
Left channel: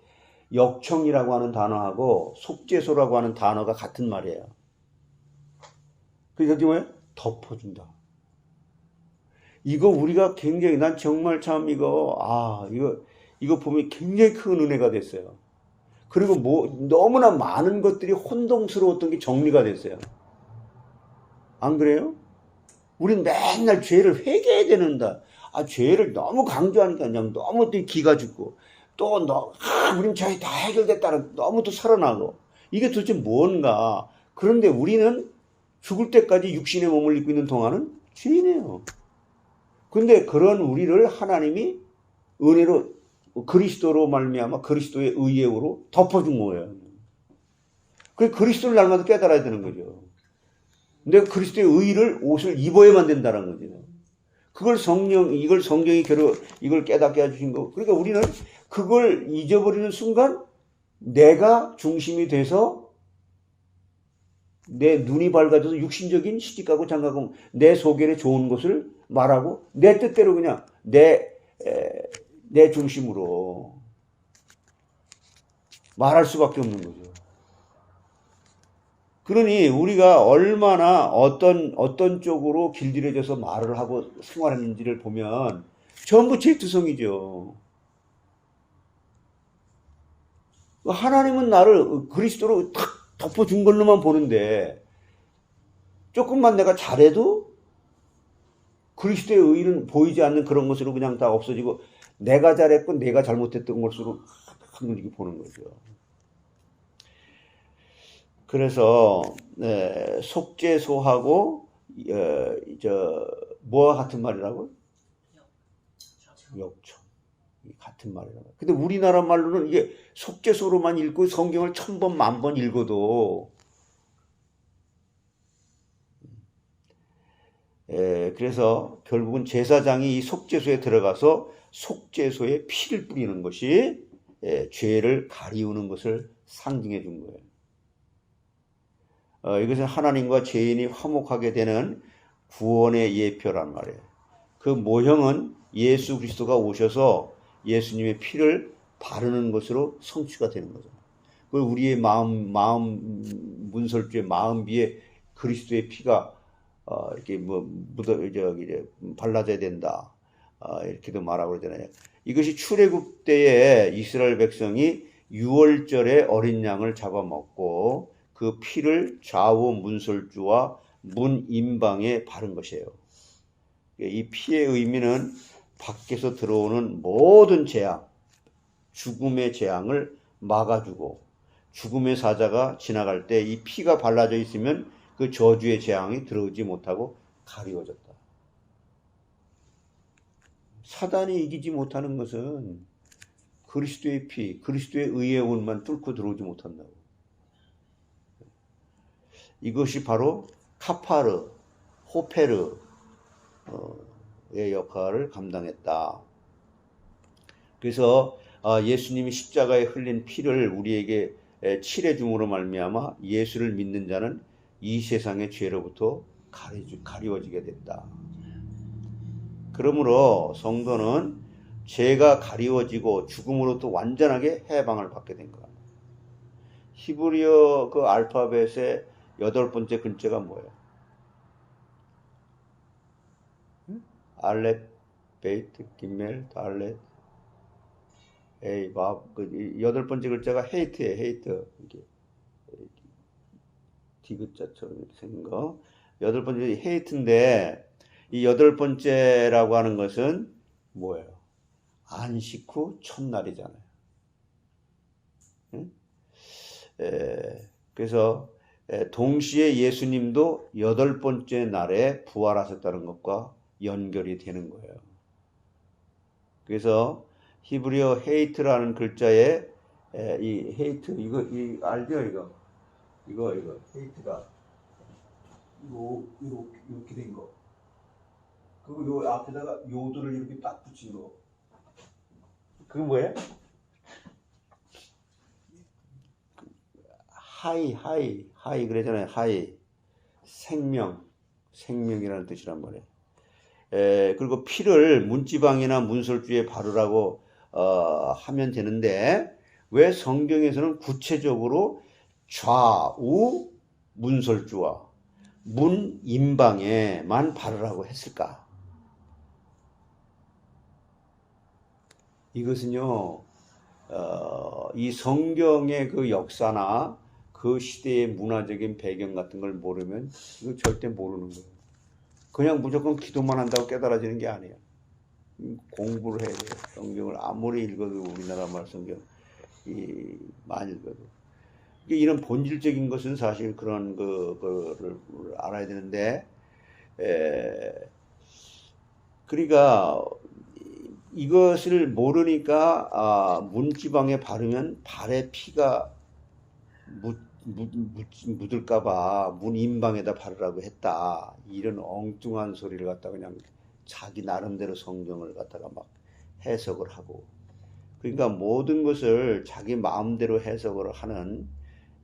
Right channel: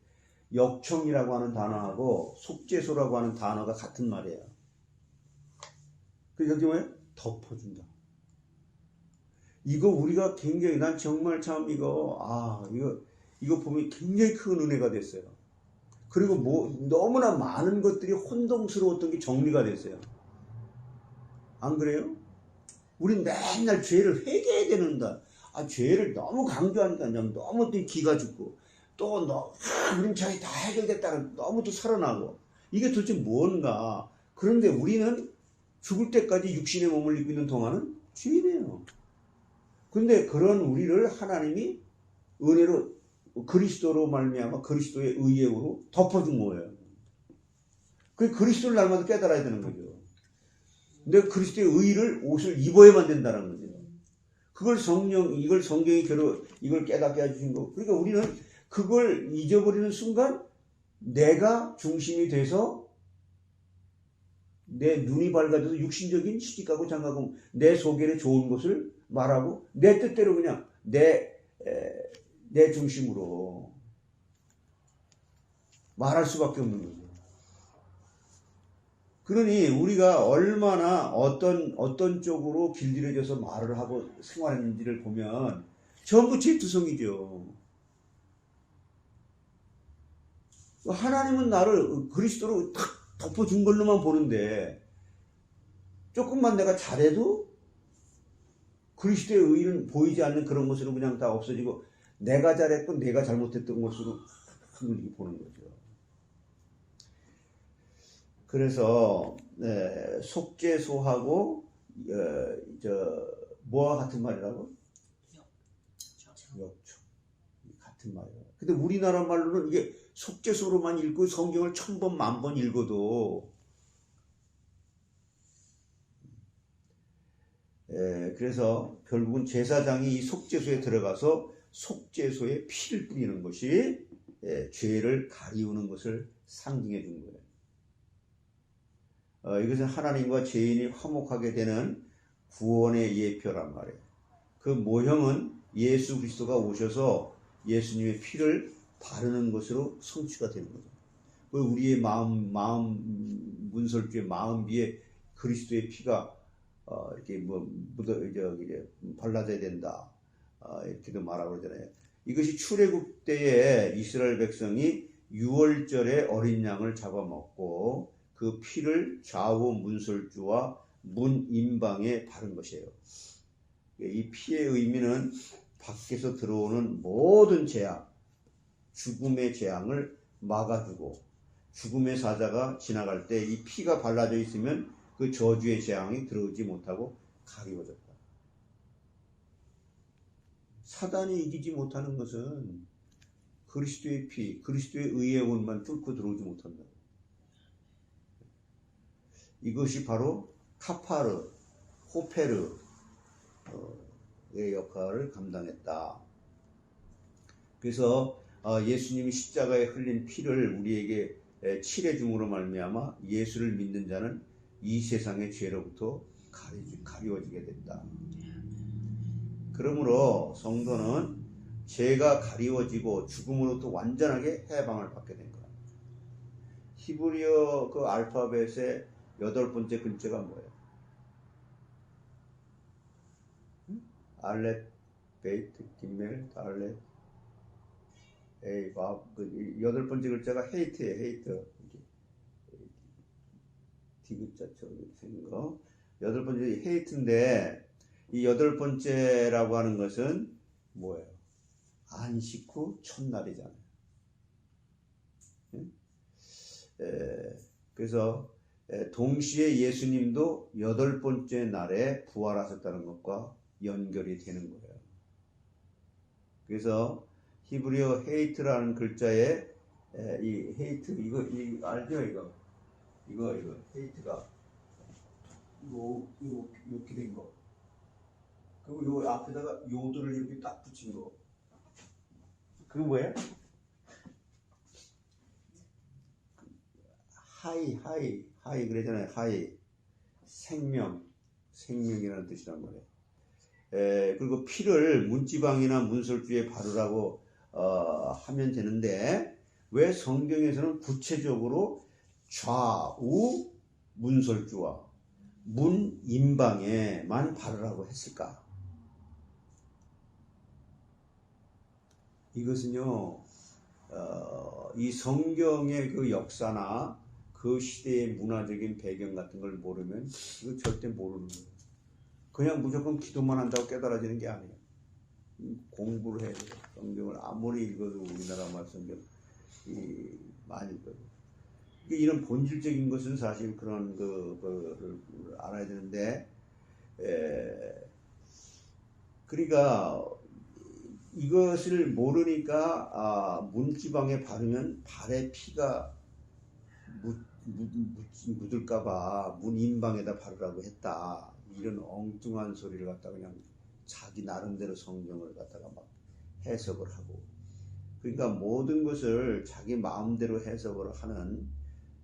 역청이라고 하는 단어하고 속죄소라고 하는 단어가 같은 말이에요. 그게 뭐예요? 덮어준다. 이거 우리가 굉장히, 난 정말 참 이거 보면 굉장히 큰 은혜가 됐어요. 그리고 너무나 많은 것들이 혼동스러웠던 게 정리가 됐어요. 안 그래요? 우린 맨날 죄를 회개해야 되는다. 죄를 너무 강조하니까 그냥 너무 또 기가 죽고, 또 우린 죄 다 해결됐다는 너무 또 살아나고, 이게 도대체 뭔가. 그런데 우리는 죽을 때까지 육신의 몸을 입고 있는 동안은 죄인이에요. 근데 그런 우리를 하나님이 은혜로, 그리스도로 말미암아 그리스도의 의예로 덮어준 거예요. 그 그리스도를 날마다 깨달아야 되는 거죠. 내가 그리스도의 의를 옷을 입어야만 된다는 거죠. 이걸 성경이 이걸 깨닫게 해주신 거. 그러니까 우리는 그걸 잊어버리는 순간 내가 중심이 돼서 내 눈이 밝아져서 육신적인 시집가고 장가고 내 소견에 좋은 것을 말하고 내 뜻대로 그냥 내 중심으로 말할 수밖에 없는 거죠. 그러니 우리가 얼마나 어떤 쪽으로 길들여져서 말을 하고 생활했는지를 보면 전부 죄투성이죠. 하나님은 나를 그리스도로 탁 덮어준 걸로만 보는데, 조금만 내가 잘해도 그리스도의 의는 보이지 않는 그런 것으로 그냥 다 없어지고, 내가 잘했고 내가 잘못했던 것으로 이렇게 보는 거죠. 그래서 속죄소하고 뭐와 같은 말이라고? 역청. 같은 말이라고. 근데 우리나라 말로는 이게 속죄소로만 읽고 성경을 1000번, 10,000번 읽어도 그래서 결국은 제사장이 이 속죄소에 들어가서 속죄소에 피를 뿌리는 것이 죄를 가리우는 것을 상징해 준 거예요. 이것은 하나님과 죄인이 화목하게 되는 구원의 예표란 말이에요. 그 모형은 예수 그리스도가 오셔서 예수님의 피를 바르는 것으로 성취가 되는 거죠. 그 우리의 마음 문설주의 마음비에 그리스도의 피가 이렇게 발라져야 된다. 이렇게도 말하고 그러잖아요. 이것이 출애굽 때에 이스라엘 백성이 유월절에 어린 양을 잡아먹고 그 피를 좌우 문설주와 문 임방에 바른 것이에요. 이 피의 의미는 밖에서 들어오는 모든 재앙, 죽음의 재앙을 막아주고 죽음의 사자가 지나갈 때 이 피가 발라져 있으면 그 저주의 재앙이 들어오지 못하고 가리워졌다. 사단이 이기지 못하는 것은 그리스도의 피, 그리스도의 의의 온만 뚫고 들어오지 못한다고. 이것이 바로 카파르, 호페르의 역할을 감당했다. 그래서 예수님이 십자가에 흘린 피를 우리에게 칠해 줌으로 말미암아 예수를 믿는 자는 이 세상의 죄로부터 가리워지게 된다. 그러므로 성도는 죄가 가리워지고 죽음으로부터 완전하게 해방을 받게 된 거야. 히브리어 그 알파벳의 8번째 글자가 뭐예요? 알렛, 베이트, 기멜, 달렛, 에이, 밥. 그 8번째 글자가 헤이트예요. 헤이트. 이게 디귿자처럼 생긴 거. 8번째 헤이트인데 이 8번째라고 하는 것은 뭐예요? 안식 후 첫날이잖아요. 응? 그래서 동시에 예수님도 8번째 날에 부활하셨다는 것과 연결이 되는 거예요. 그래서 히브리어 헤이트라는 글자에 이 헤이트 이거 알죠? 이거 헤이트가 이렇게 된 거. 그리고 요 앞에다가 요들을 이렇게 딱 붙인 거. 그거 뭐예요? 하이 그러잖아요. 하이 생명이라는 뜻이란 말이에요. 그리고 피를 문지방이나 문설주에 바르라고 하면 되는데 왜 성경에서는 구체적으로 좌우 문설주와 문 임방에만 바르라고 했을까? 이것은요, 이 성경의 그 역사나 그 시대의 문화적인 배경 같은 걸 모르면 이거 절대 모르는 거예요. 그냥 무조건 기도만 한다고 깨달아지는 게 아니에요. 공부를 해야 돼요. 성경을 아무리 읽어도 우리나라 말 성경 많이 읽어도 이런 본질적인 것은 사실 그런 거를 알아야 되는데 그러니까 이것을 모르니까 문지방에 바르면 발에 피가 묻을까봐 문임방에다 바르라고 했다. 이런 엉뚱한 소리를 갖다가 그냥 자기 나름대로 성경을 갖다가 막 해석을 하고 그러니까 모든 것을 자기 마음대로 해석을 하는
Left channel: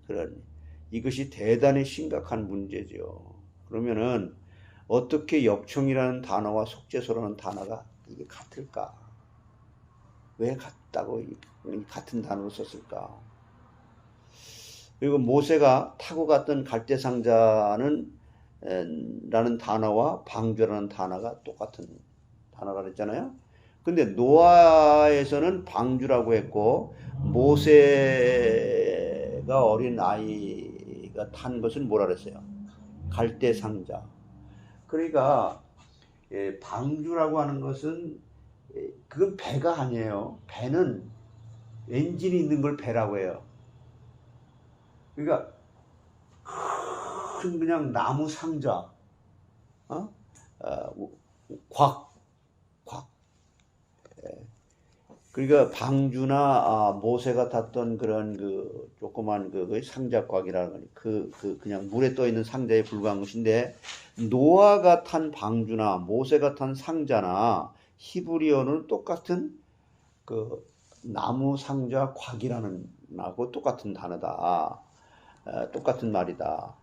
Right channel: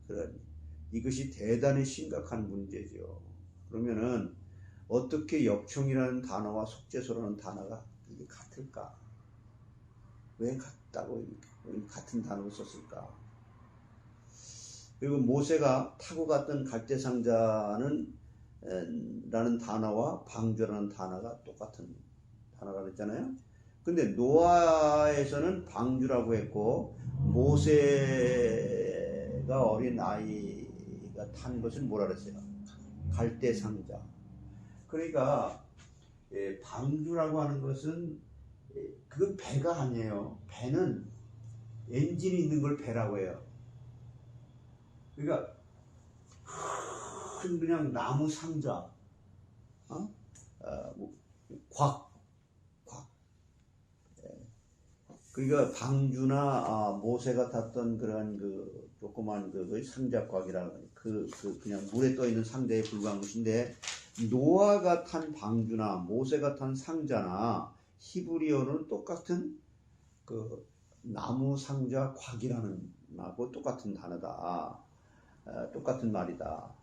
그런 이것이 대단히 심각한 문제죠. 그러면은 어떻게 역청이라는 단어와 속죄소라는 단어가 이게 같을까? 왜 같다고 같은 단어를 썼을까? 그리고 모세가 타고 갔던 갈대상자는 라는 단어와 방주라는 단어가 똑같은 단어가 그랬잖아요. 근데 노아에서는 방주라고 했고 모세가 어린 아이가 탄 것은 뭐라 그랬어요? 갈대상자. 그러니까 방주라고 하는 것은 그건 배가 아니에요. 배는 엔진이 있는 걸 배라고 해요. 그러니까 큰 그냥 나무 상자, 곽. 그러니까 방주나 모세가 탔던 그런 그 조그만 그 상자곽이라는 그냥 물에 떠 있는 상자에 불과한 것인데 노아가 탄 방주나 모세가 탄 상자나 히브리어는 똑같은 그 나무 상자 곽이라는 하고 똑같은 단어다. 똑같은 말이다.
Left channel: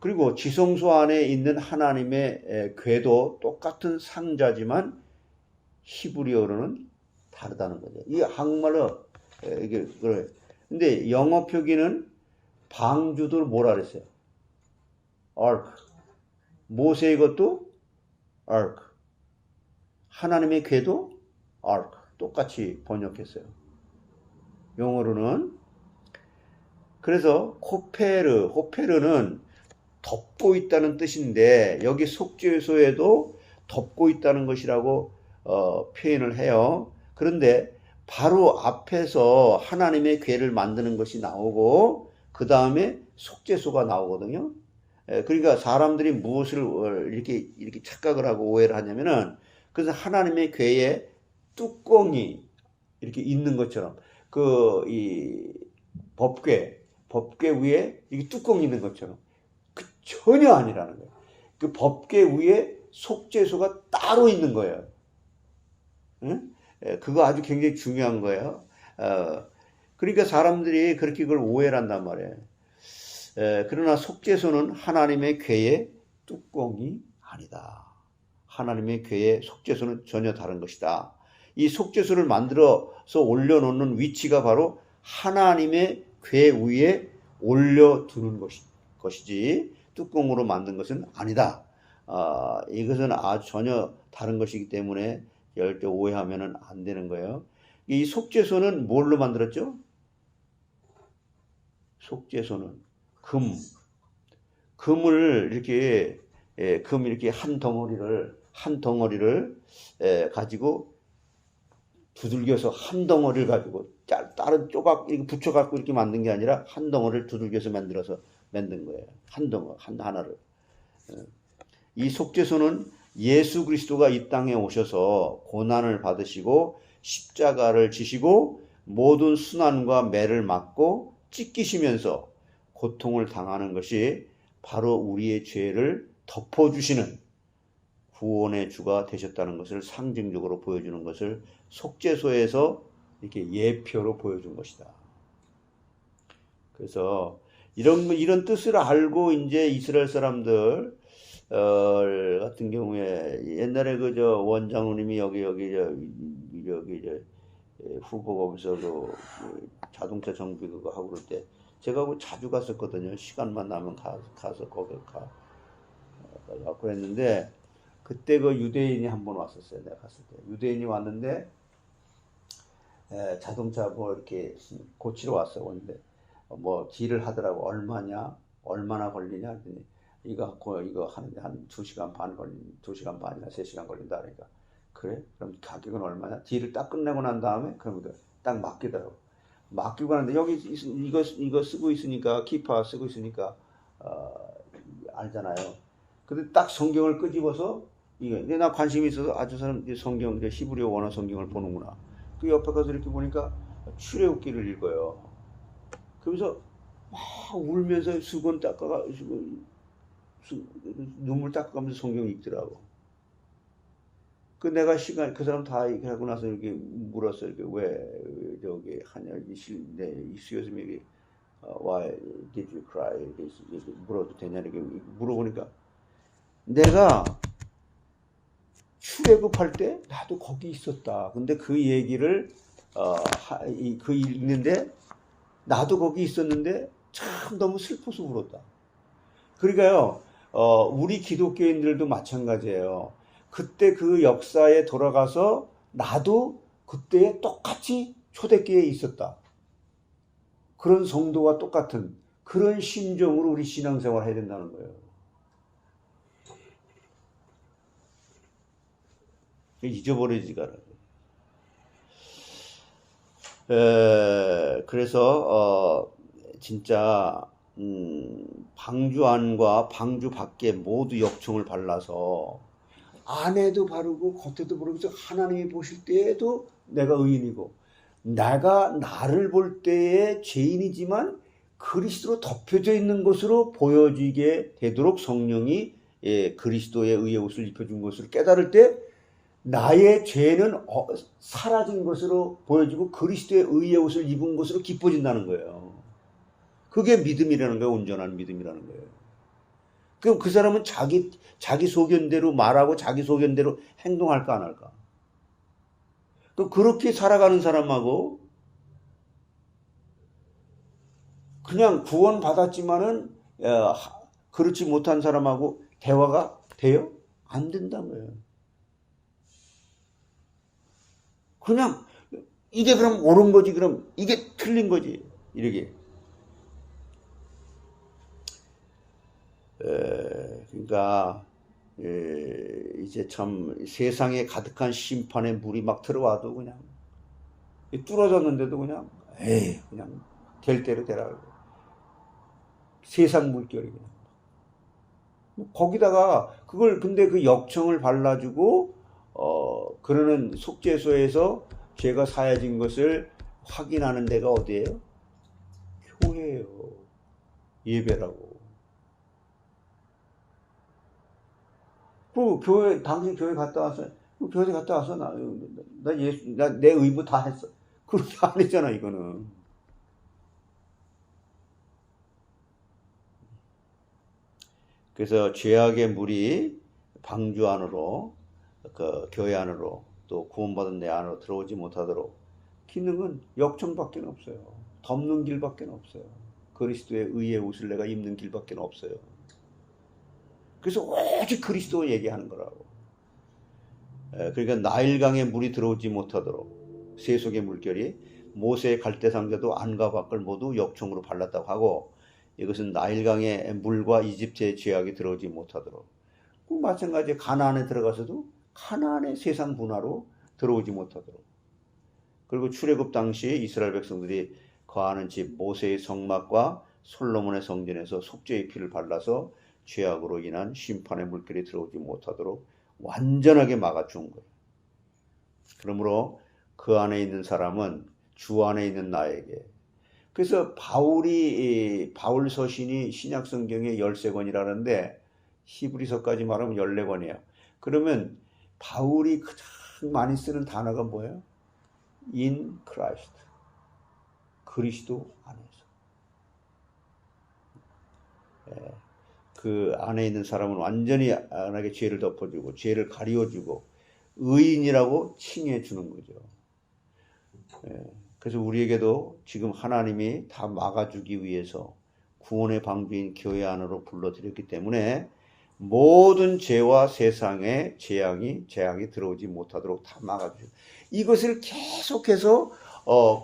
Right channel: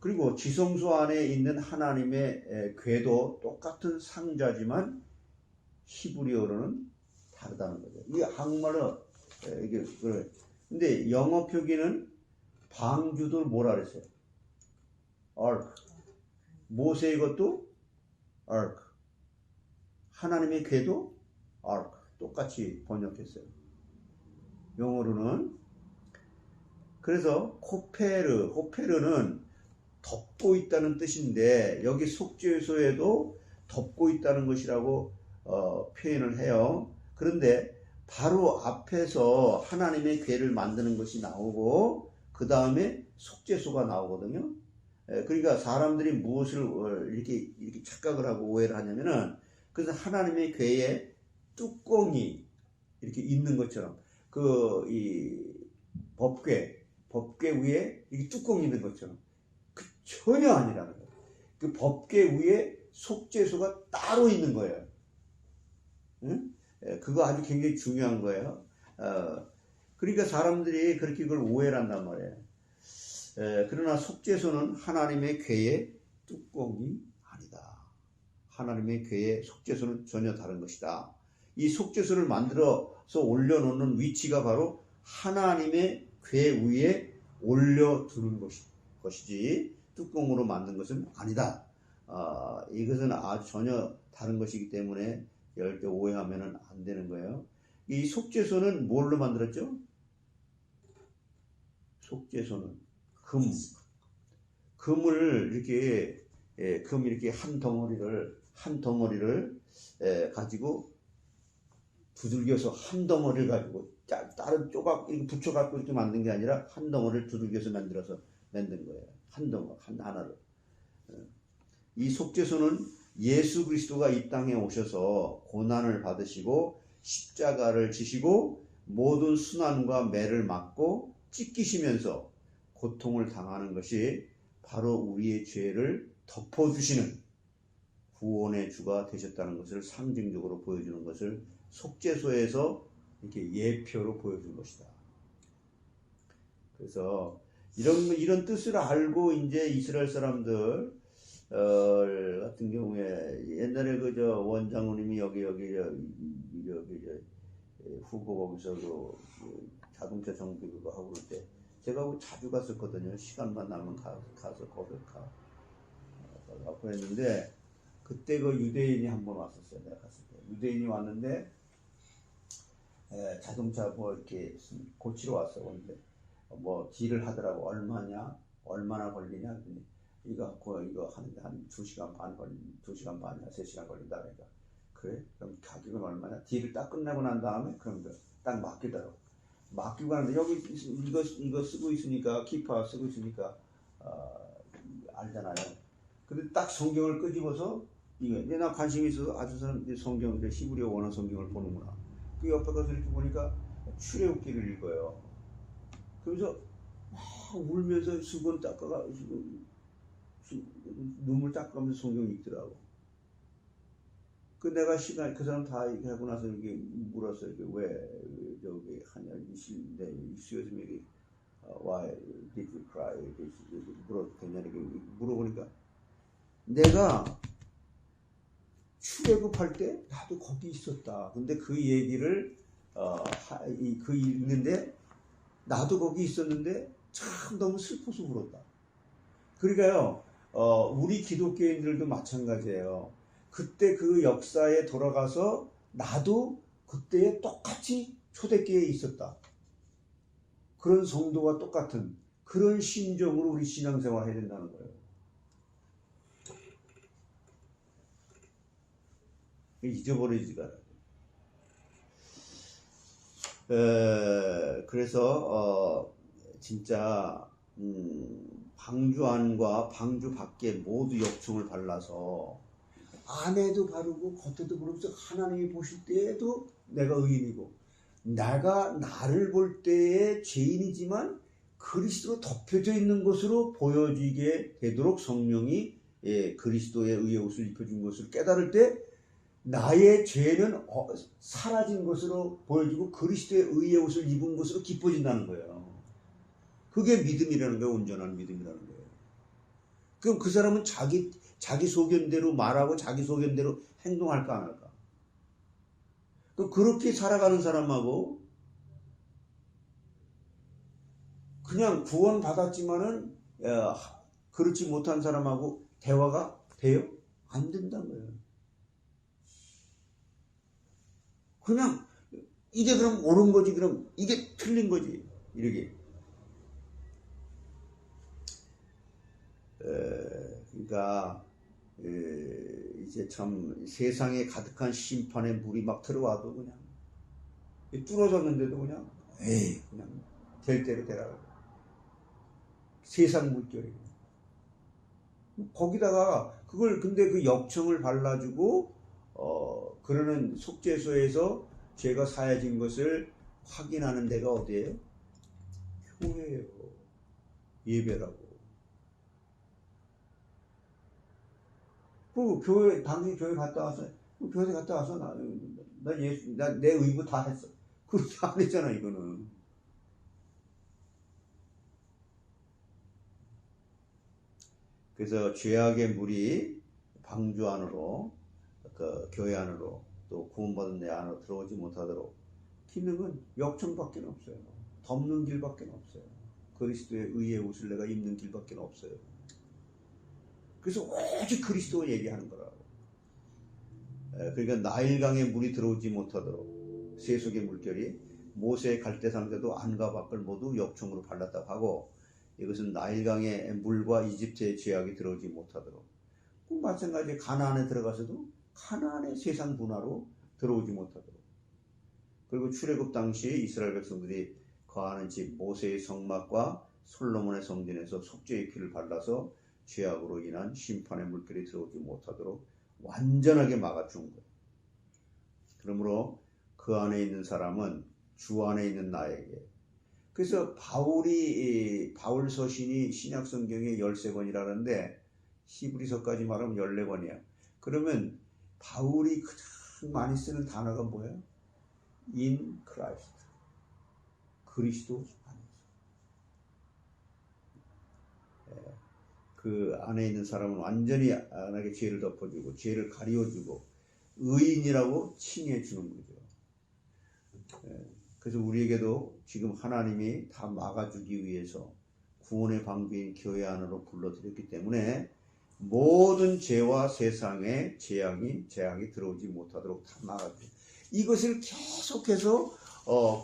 그리고 지성소 안에 있는 하나님의 궤도 똑같은 상자지만 히브리어로는 다르다는 거죠. 이 한국말로 이게 그래. 근데 영어 표기는 방주도 뭐라 그랬어요? ark. 모세의 것도 ark. 하나님의 궤도 ark. 똑같이 번역했어요. 영어로는. 그래서 호페르는 덮고 있다는 뜻인데 여기 속죄소에도 덮고 있다는 것이라고 표현을 해요. 그런데 바로 앞에서 하나님의 궤를 만드는 것이 나오고 그 다음에 속죄소가 나오거든요. 그러니까 사람들이 무엇을 이렇게 착각을 하고 오해를 하냐면은 그래서 하나님의 궤에 뚜껑이 이렇게 있는 것처럼 이 법궤 위에 이게 뚜껑이 있는 것처럼 전혀 아니라는 거예요. 그 법궤 위에 속죄소가 따로 있는 거예요. 응? 그거 아주 굉장히 중요한 거예요. 그러니까 사람들이 그렇게 그걸 오해를 한단 말이에요. 그러나 속죄소는 하나님의 궤의 뚜껑이 아니다. 하나님의 궤의 속죄소는 전혀 다른 것이다. 이 속죄소를 만들어서 올려놓는 위치가 바로 하나님의 궤 위에 올려두는 것이지 뚜껑으로 만든 것은 아니다. 이것은 아주 전혀 다른 것이기 때문에 절대 오해하면 안 되는 거예요. 이 속죄소는 뭘로 만들었죠? 속죄소는 금을 이렇게 한 덩어리를 가지고 두들겨서 한 덩어리를 가지고 다른 조각 이렇게 붙여갖고 이렇게 만든 게 아니라 한 덩어리를 두들겨서 만든 거예요. 하나를. 이 속죄소는 예수 그리스도가 이 땅에 오셔서 고난을 받으시고 십자가를 지시고 모든 순환과 매를 맞고 찢기시면서 고통을 당하는 것이 바로 우리의 죄를 덮어주시는 구원의 주가 되셨다는 것을 상징적으로 보여주는 것을 속죄소에서 이렇게 예표로 보여준 것이다. 그래서 이런 뜻을 알고 이제 이스라엘 사람들 같은 경우에 옛날에 원장님이 여기 후보 거기서도 자동차 정비 그거 하고 그럴 때 제가 자주 갔었거든요. 시간만 나면 가서 거기 가고 했는데 그때 그 유대인이 한 번 왔었어요. 내가 갔을 때 유대인이 왔는데 자동차 뭐 이렇게 고치러 왔어요. 근데 뭐 딜을 하더라고. 얼마나 걸리냐 했더니 이거 하는데 한 2시간 반이나 3시간 걸린다. 그러니까 그래? 그럼 가격은 얼마냐? 딜을 딱 끝내고 난 다음에 그러면 딱 맡기더라고. 맡기고 하는데 여기 이거 쓰고 있으니까 키파 쓰고 있으니까 알잖아요. 근데 딱 성경을 끄집어서 근데 나 관심이 있어서 아주 사람 성경 히브리어 원어 성경을 보는구나. 그 옆에 가서 이렇게 보니까 출애굽기를 읽어요. 그러면서 막 울면서 수건 닦아가지고 눈물 닦아가면서 성경 읽더라고. 그 내가 그 사람 다 하고 나서 이렇게 물었어. 이렇게 왜 저기 하냐 이수여서 여기 why did you cry? 이렇게 물어도 되냐 이렇게 물어보니까 내가 출애굽할 때 나도 거기 있었다. 근데 그 얘기를 그 읽는데 나도 거기 있었는데 참 너무 슬퍼서 울었다. 그러니까요, 우리 기독교인들도 마찬가지예요. 그때 그 역사에 돌아가서 나도 그때에 똑같이 초대교회에 있었다. 그런 성도와 똑같은 그런 심정으로 우리 신앙생활을 해야 된다는 거예요. 잊어버리지가 않아요. 그래서 진짜 방주 안과 방주 밖에 모두 역청을 발라서 안에도 바르고 겉에도 바르면서 하나님이 보실 때에도 내가 의인이고 나를 볼 때에 죄인이지만 그리스도로 덮여져 있는 것으로 보여지게 되도록 성령이 그리스도의 의의 옷을 입혀준 것을 깨달을 때 나의 죄는 사라진 것으로 보여지고 그리스도의 의의 옷을 입은 것으로 기뻐진다는 거예요. 그게 믿음이라는 거예요. 온전한 믿음이라는 거예요. 그럼 그 사람은 자기 소견대로 말하고 자기 소견대로 행동할까 안 할까? 그렇게 살아가는 사람하고 그냥 구원 받았지만은 그렇지 못한 사람하고 대화가 돼요? 안 된다는 거예요. 그냥 이게 그럼 옳은 거지, 그럼 이게 틀린 거지, 이렇게. 그러니까 이제 참 세상에 가득한 심판의 물이 막 들어와도 그냥 뚫어졌는데도 그냥 에이 그냥 될 대로 되라. 세상 물결이 거기다가 그걸 근데 그 역청을 발라주고 그러는 속죄소에서 죄가 사해진 것을 확인하는 데가 어디예요? 교회예요. 예배라고. 그 교회 당신 교회 갔다 왔어? 그 교회 갔다 왔어? 나 내 의무 다 했어. 그렇게 안 했잖아 이거는. 그래서 죄악의 물이 방주 안으로 그 교회 안으로 또 구원받은 내 안으로 들어오지 못하도록 기능은 역청밖에 없어요. 덮는 길밖에 없어요. 그리스도의 의의 옷을 내가 입는 길밖에 없어요. 그래서 오직 그리스도 얘기하는 거라고. 그러니까 나일강에 물이 들어오지 못하도록 세속의 물결이 모세의 갈대상자도 안과 밖을 모두 역청으로 발랐다고 하고 이것은 나일강의 물과 이집트의 죄악이 들어오지 못하도록 마찬가지 가나안에 들어가서도 가나안의 세상 문화로 들어오지 못하도록 그리고 출애굽 당시 이스라엘 백성들이 거하는 집 모세의 성막과 솔로몬의 성전에서 속죄의 피를 발라서 죄악으로 인한 심판의 물결이 들어오지 못하도록 완전하게 막아준 거예요. 그러므로 그 안에 있는 사람은 주 안에 있는 나에게 그래서 바울 서신이 신약 성경의 13권이라는데 히브리서까지 말하면 14권이에요. 그러면 바울이 가장 많이 쓰는 단어가 뭐예요? In Christ. 그리스도 안에서. 그 안에 있는 사람은 완전히 안하게 죄를 덮어주고 죄를 가리워주고 의인이라고 칭해 주는 거죠. 그래서 우리에게도 지금 하나님이 다 막아주기 위해서 구원의 방주인 교회 안으로 불러들였기 때문에 모든 죄와 세상의 재앙이 들어오지 못하도록 다 막아주죠. 이것을 계속해서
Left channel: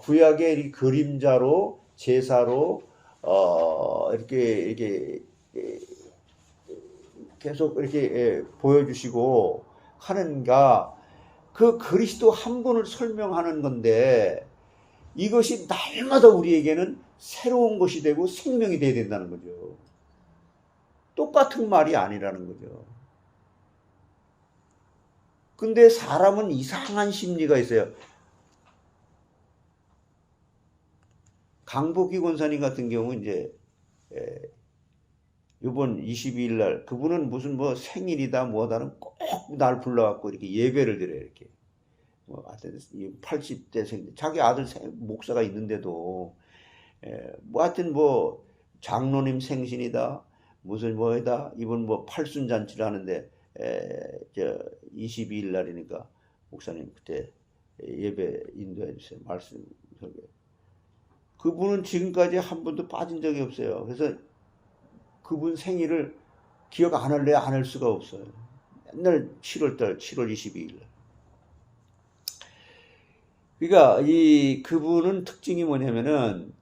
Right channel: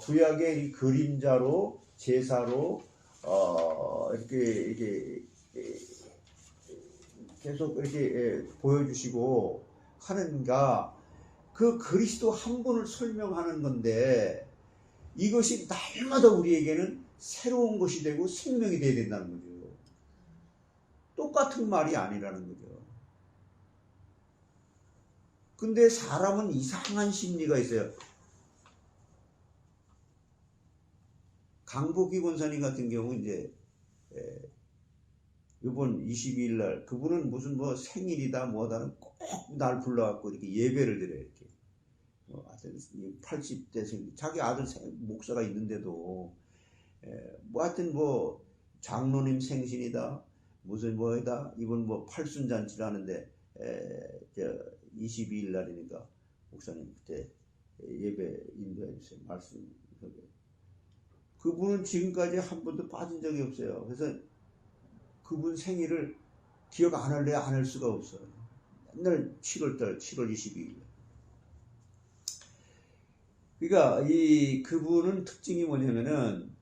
구약의 이 그림자로 제사로 이렇게 계속 이렇게 보여주시고 하는가 그 그리스도 한 분을 설명하는 건데 이것이 날마다 우리에게는 새로운 것이 되고 생명이 되어야 된다는 거죠. 똑같은 말이 아니라는 거죠. 근데 사람은 이상한 심리가 있어요. 강복희 권사님 같은 경우 이제 이번 22일 날 그분은 무슨 뭐 생일이다 뭐다는 꼭 날 불러갖고 이렇게 예배를 드려요. 이렇게 80대 자기 아들 목사가 있는데도 뭐 하여튼 뭐 장로님 생신이다 무슨 뭐이다 이번 뭐 팔순잔치를 하는데 22일 날이니까 목사님 그때 예배 인도해 주세요. 말씀 설교. 그분은 지금까지 한 번도 빠진 적이 없어요. 그래서 그분 생일을 기억 안 할래 안 할 수가 없어요. 맨날 7월 22일 날. 그러니까 그분은 특징이 뭐냐면은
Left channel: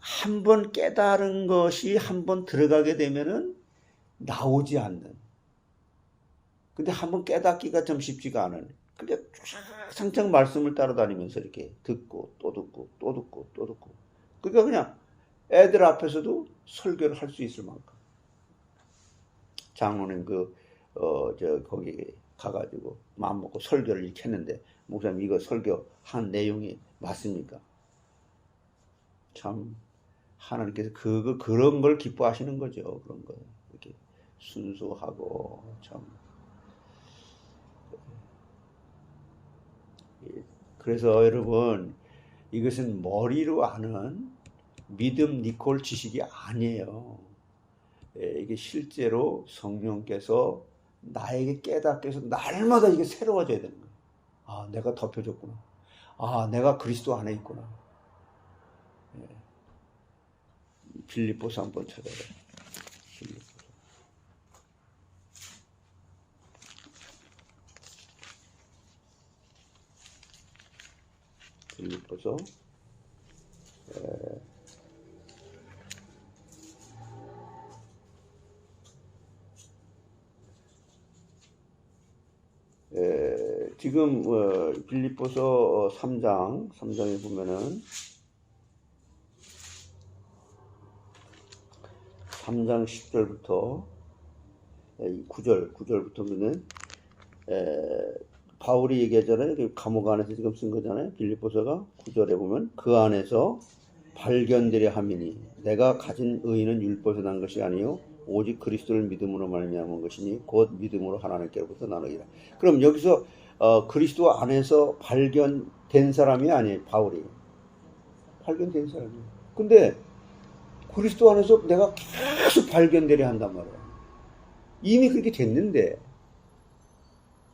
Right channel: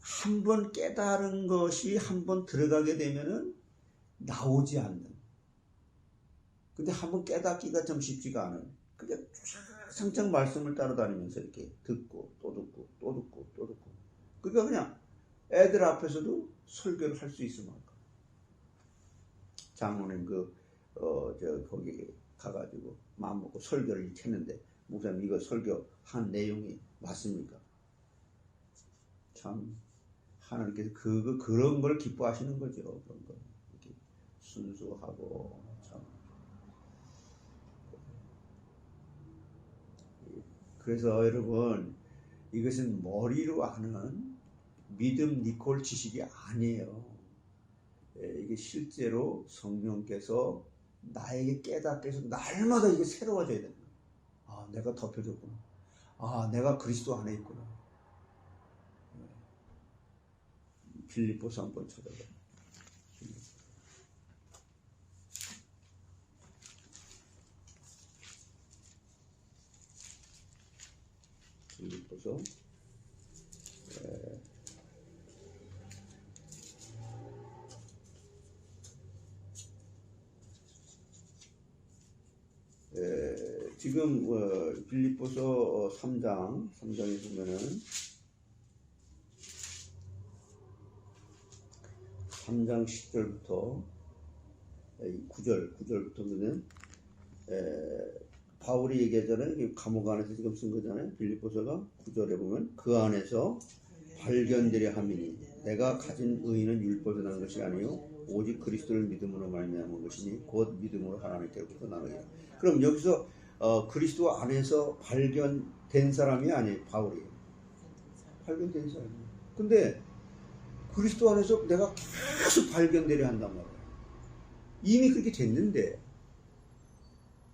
한 번 깨달은 것이 한 번 들어가게 되면은 나오지 않는. 근데 한 번 깨닫기가 좀 쉽지가 않은. 그러니까 상장 말씀을 따라다니면서 이렇게 듣고 또 듣고 또 듣고 또 듣고. 그러니까 그냥 애들 앞에서도 설교를 할 수 있을 만큼. 장로님 거기 가가지고 마음 먹고 설교를 이렇게 했는데 목사님 이거 설교한 내용이 맞습니까? 참 하나님께서 그런 걸 기뻐하시는 거죠. 그런 거 이렇게 순수하고 참. 그래서 여러분 이것은 머리로 아는 믿음 니콜 지식이 아니에요. 이게 실제로 성령께서 나에게 깨닫게 해서 날마다 이게 새로워져야 되는 거예요. 아, 내가 덮여졌구나. 아, 내가 그리스도 안에 있구나. 빌립보서 한번 찾아봐요. 빌립보서 지금 빌립보서 3장에 보면은 3장 10절부터 9절부터 보면 바울이 얘기하잖아요. 감옥 안에서 지금 쓴 거잖아요. 빌립보서가 9절에 보면 그 안에서 발견되려 함이니 내가 가진 의는 율법에서 난 것이 아니요 오직 그리스도를 믿음으로 말미암은 것이니 곧 믿음으로 하나님께로부터 나느니라. 그럼 여기서 그리스도 안에서 발견된 사람이 아니에요. 바울이 발견된 사람이에요. 근데 그리스도 안에서 내가 계속 발견되려 한단 말이에요. 이미 그렇게 됐는데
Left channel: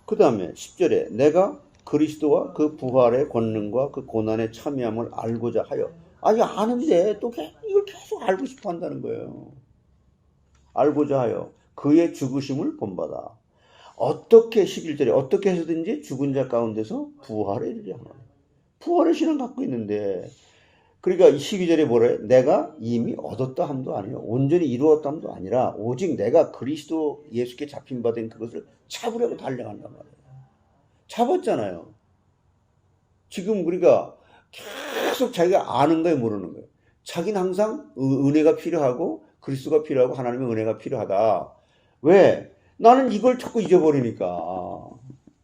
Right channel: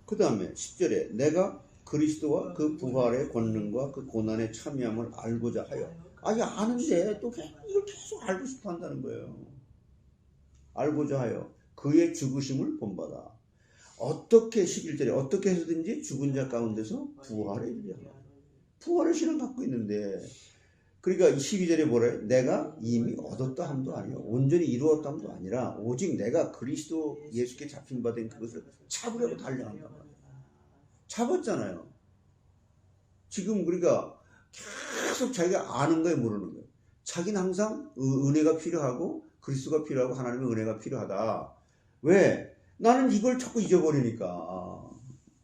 그 다음에 10절에 내가 그리스도와 그 부활의 권능과 그 고난의 참여함을 알고자 하여 아니 아는데 또 이걸 계속 알고 싶어 한다는 거예요. 알고자 하여 그의 죽으심을 본받아 어떻게 11절에 어떻게 해서든지 죽은 자 가운데서 부활에 이르려 하나. 부활의 신을 갖고 있는데 그러니까 12절에 뭐래? 내가 이미 얻었다 함도 아니요 온전히 이루었다 함도 아니라 오직 내가 그리스도 예수께 잡힌 바 된 그것을 잡으려고 달려간단 말이에요. 잡았잖아요. 지금 우리가 계속 자기가 아는 거예요, 모르는 거예요. 자기는 항상 은혜가 필요하고 그리스도가 필요하고 하나님의 은혜가 필요하다. 왜? 나는 이걸 자꾸 잊어버리니까.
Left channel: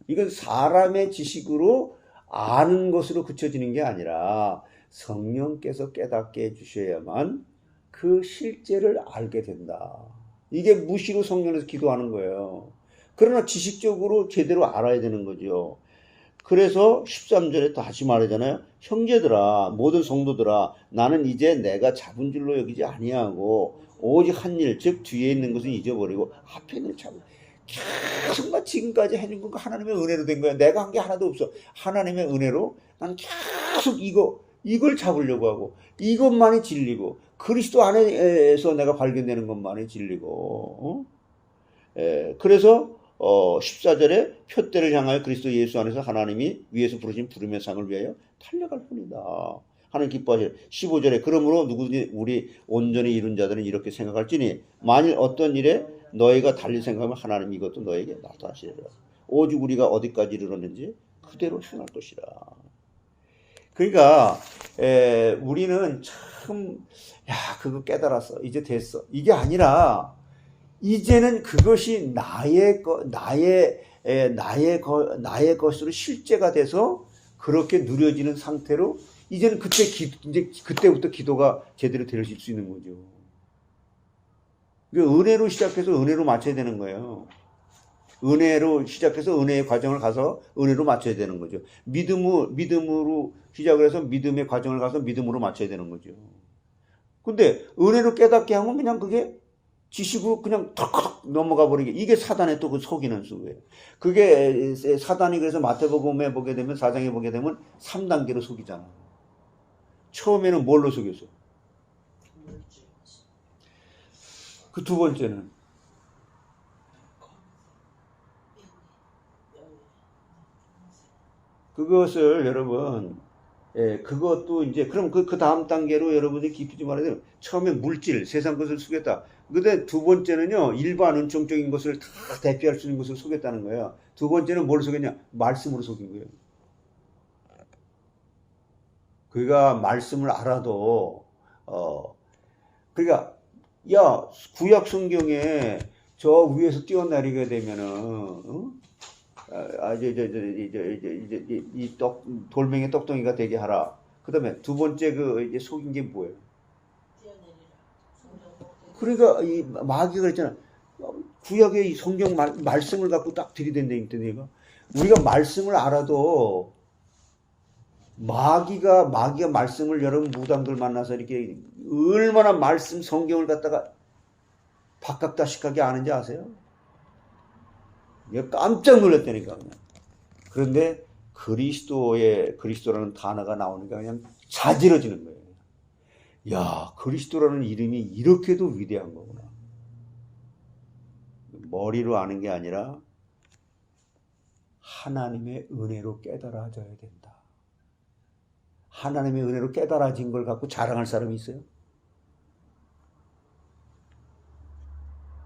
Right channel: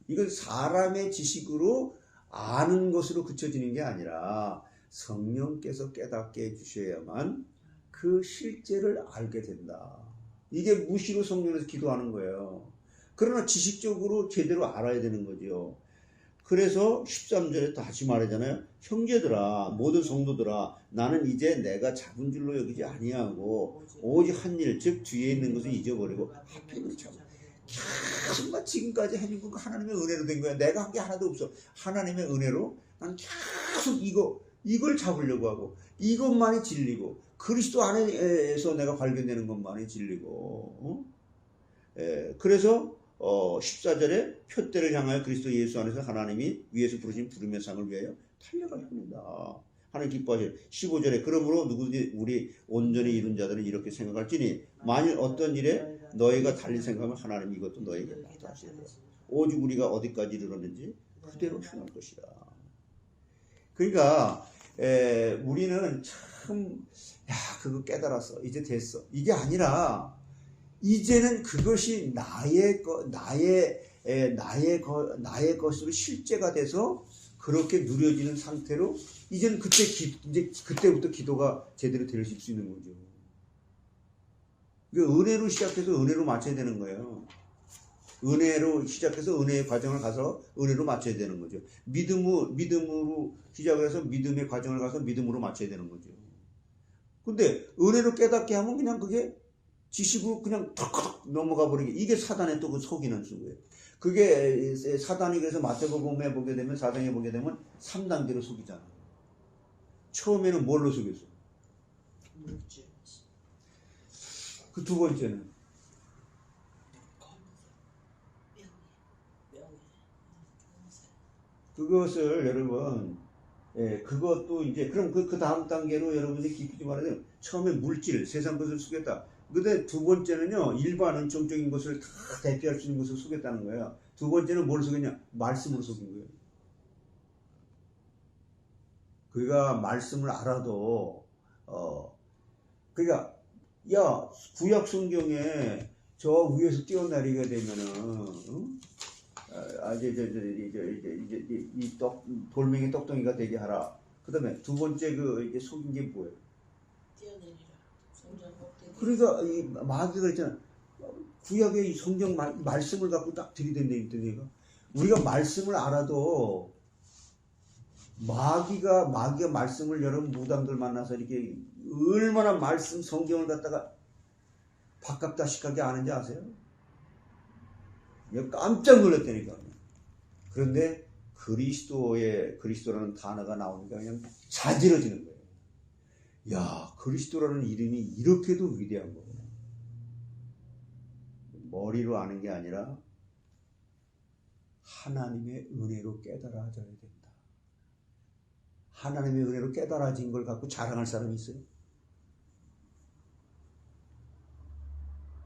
이건 사람의 지식으로 아는 것으로 그쳐지는 게 아니라 성령께서 깨닫게 해주셔야만 그 실제를 알게 된다. 이게 무시로 성령에서 기도하는 거예요. 그러나 지식적으로 제대로 알아야 되는 거죠. 그래서 13절에 다시 말하잖아요. 형제들아 모든 성도들아 나는 이제 내가 잡은 줄로 여기지 아니하고 오직 한 일 즉 뒤에 있는 것은 잊어버리고 앞에 있는 잡은 계속 막 지금까지 해준 거 하나님의 은혜로 된 거야. 내가 한 게 하나도 없어. 하나님의 은혜로 난 계속 이걸 잡으려고 하고 이것만이 진리고 그리스도 안에서 내가 발견되는 것만이 진리고 그래서 14절에 표대를 향하여 그리스도 예수 안에서 하나님이 위에서 부르신 부름의 상을 위하여 달려갈 뿐이다. 하나님 기뻐하시오. 15절에 그러므로 누구든지 우리 온전히 이룬 자들은 이렇게 생각할지니 만일 어떤 일에 너희가 달리 생각하면 하나님이 이것도 너에게 나타나시리라. 오직 우리가 어디까지 이르렀는지 그대로 행할 것이라. 그러니까 우리는 참 그거 깨달았어. 이제 됐어. 이게 아니라 이제는 그것이 나의 것으로 실제가 돼서 그렇게 누려지는 상태로 이제는 이제 그때부터 기도가 제대로 될 수 있는 거죠. 은혜로 시작해서 은혜로 맞춰야 되는 거예요. 은혜로 시작해서 은혜의 과정을 가서 은혜로 맞춰야 되는 거죠. 믿음으로 시작을 해서 믿음의 과정을 가서 믿음으로 맞춰야 되는 거죠. 근데 은혜로 깨닫게 하면 그냥 그게 지식으로 그냥 턱 넘어가 버리게. 이게 사단의 또 그 속이는 수예요. 그게 사단이 그래서 마태복음에 보게 되면 4장에 보게 되면 3단계로 속이잖아. 처음에는 뭘로 속였어? 그 두 번째는 그것을 여러분 그것도 이제 그럼 그 다음 단계로 여러분이 깊이 좀 알아야 돼요. 처음에 물질 세상 것을 속였다. 근데 두 번째는요 일반 은총적인 것을 다 대피할 수 있는 것을 속였다는 거예요. 두 번째는 뭘 속였냐? 말씀으로 속인 거예요. 그가 말씀을 알아도 그러니까 구약 성경에 저 위에서 뛰어내리게 되면은 이제 돌멩이 떡덩이가 되게 하라. 그다음에 두 번째 이제 속인 게 뭐예요? 그러니까 이 마귀가 그랬잖아. 구약의 이 성경 말씀을 갖고 딱 들이댄다니까 내가. 우리가 말씀을 알아도 마귀가 말씀을 여러분 무당들 만나서 이렇게 얼마나 말씀 성경을 갖다가 박학다식하게 아는지 아세요? 깜짝 놀랐다니까. 그런데 그리스도라는 단어가 나오니까 그냥 자지러지는 거예요. 야, 그리스도라는 이름이 이렇게도 위대한 거구나. 머리로 아는 게 아니라 하나님의 은혜로 깨달아져야 된다. 하나님의 은혜로 깨달아진 걸 갖고 자랑할 사람이 있어요?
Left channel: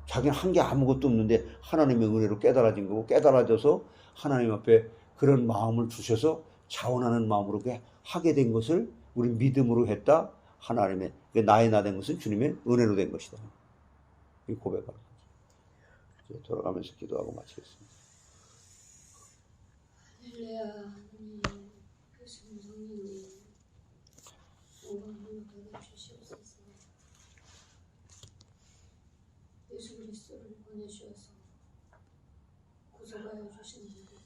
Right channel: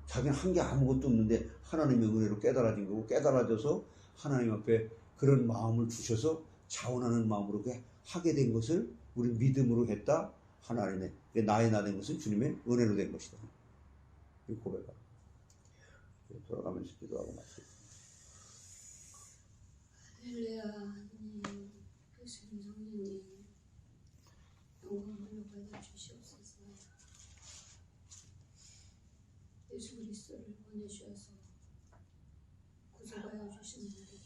자기는 한 게 아무것도 없는데 하나님의 은혜로 깨달아진 거고, 깨달아져서 하나님 앞에 그런 마음을 주셔서 자원하는 마음으로 하게 된 것을 우리 믿음으로 했다. 하나님의 나의 나 된 것은 주님의 은혜로 된 것이다. 이 고백하는 거죠. 돌아가면서 기도하고 마치겠습니다. 할렐루야. 하나님, 예수님 성령님, 영광을 받아 주시옵소서. 예수 그리스도를 보내주셔서 구속하여 주신 분들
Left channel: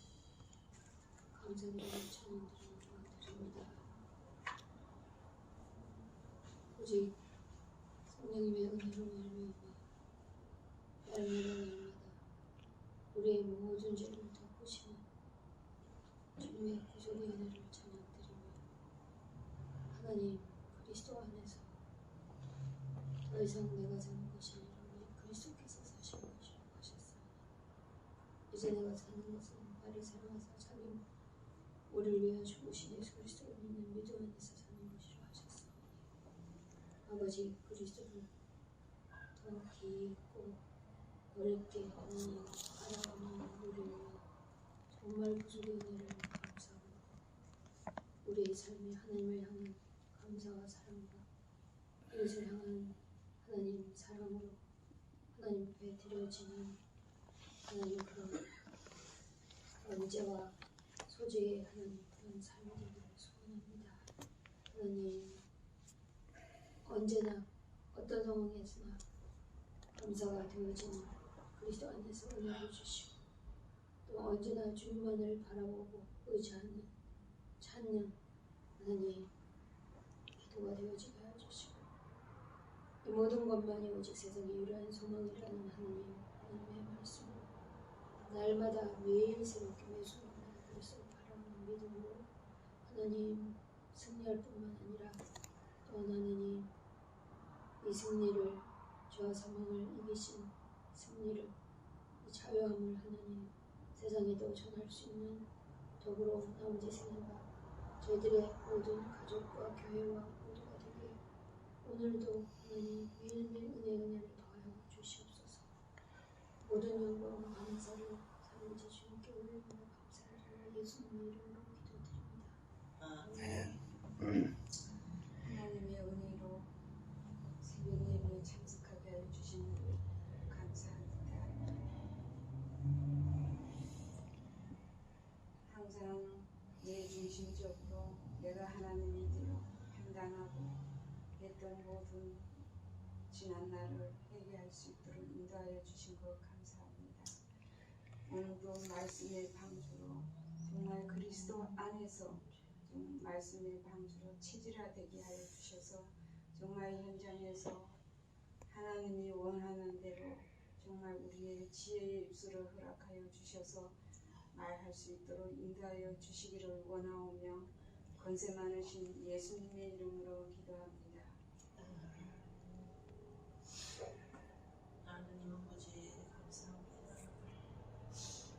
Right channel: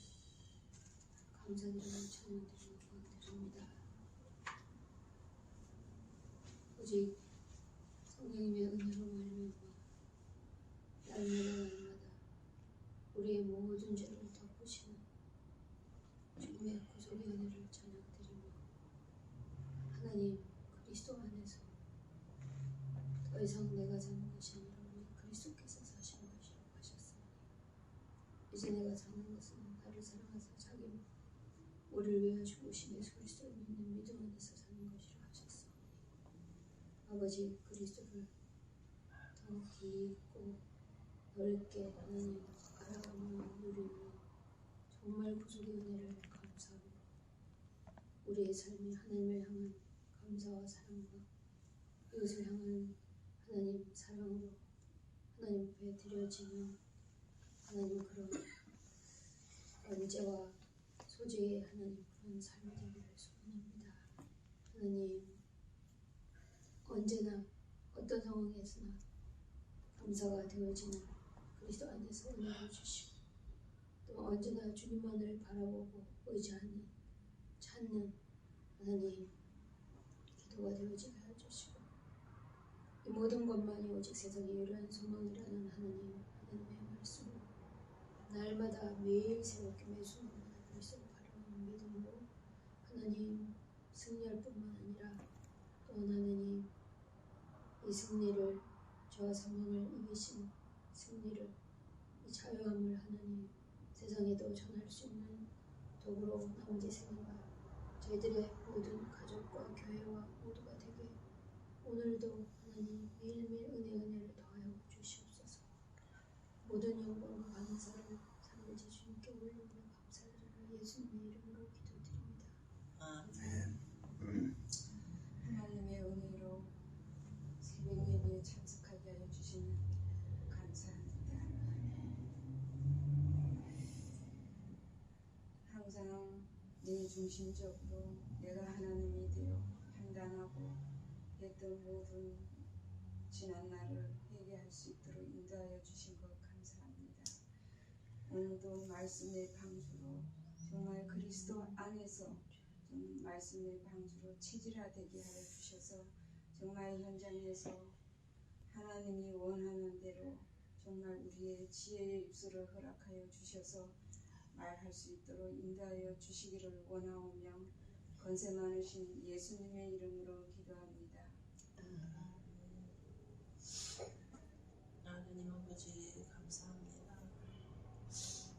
감사드리고 찬양드립니다. 오직 성령님의 은혜로 말미암아 날마다 우리의 모든 죄를 덮으시는 주님의 구속의 은혜를 찬양드리며, 하나님 그리스도 안에서 더 이상 내가 사는 것이 아니라 그리스도께서 사시는 것이라고 하셨사오니, 이제 내가 사는 것은 나를 사랑하사 자기 우리를 위하여 죽으신 예수 그리스도를 믿는 믿음 안에서 사는 것이라 하셨사오니, 아버지 그리스도를 더 깊고 넓게 하나님 알아가는 우리를 정말 구속의 은혜를 감사하고, 우리의 삶이 하나님을 향한 감사와 사랑과 이웃을 향한 하나님 사랑으로 하나님 앞에 드려지는 하나님 그런 언제와 소재의 하나님 그런 삶이 되기를 소원합니다. 하나님, 언제나 어떤 상황에서나 감사가 되어지는 그리스도 안에서 은혜를 주시고, 또 언제나 주님만을 바라보고 의지하는 찾는 하나님 기도가 되어지게 하여 주시고, 이 모든 것만이 오직 세상의 유일한 소망이라는 하나님의 말씀으로 날마다 매일 새롭게 매 순간마다 그리스도를 바라보는 믿음으로 하나님 승리할 뿐만 아니라 또 하나님 이 승리를, 죄와 사망을 이기신 승리를, 이 자유함을 하나님 세상에도 전할 수 있는 더불어 나머지 생애가 저희들의 모든 가족과 교회와 모두가 되게 오늘도 하나님 매일매일 은혜를 더하여 주시옵소서. 모든 영광과 감사를 살아계신 주님께 올려드리며 감사드리며 예수님의 이름으로 기도드립니다. 하나님의 은혜로 새벽 예배에 참석하게 하여 주신 감사합니다. 항상 내 중심적으로 내가 하나님이 되어 판단하고 했던 모든 지난 날을 회개할 수 있도록 인도하여 주신 것 감사합니다. 오늘도 말씀의 방주로 정말 그리스도 안에서 말씀의 방주로 체질화되게 하여 주셔서 정말 현장에서 하나님이 원하는 대로 정말 우리의 지혜의 입술을 허락하여 주셔서 말할 수 있도록 인도하여 주시기를 원하오며 권세 많으신 예수님의 이름으로 기도합니다. 하나님 아버지 감사합니다.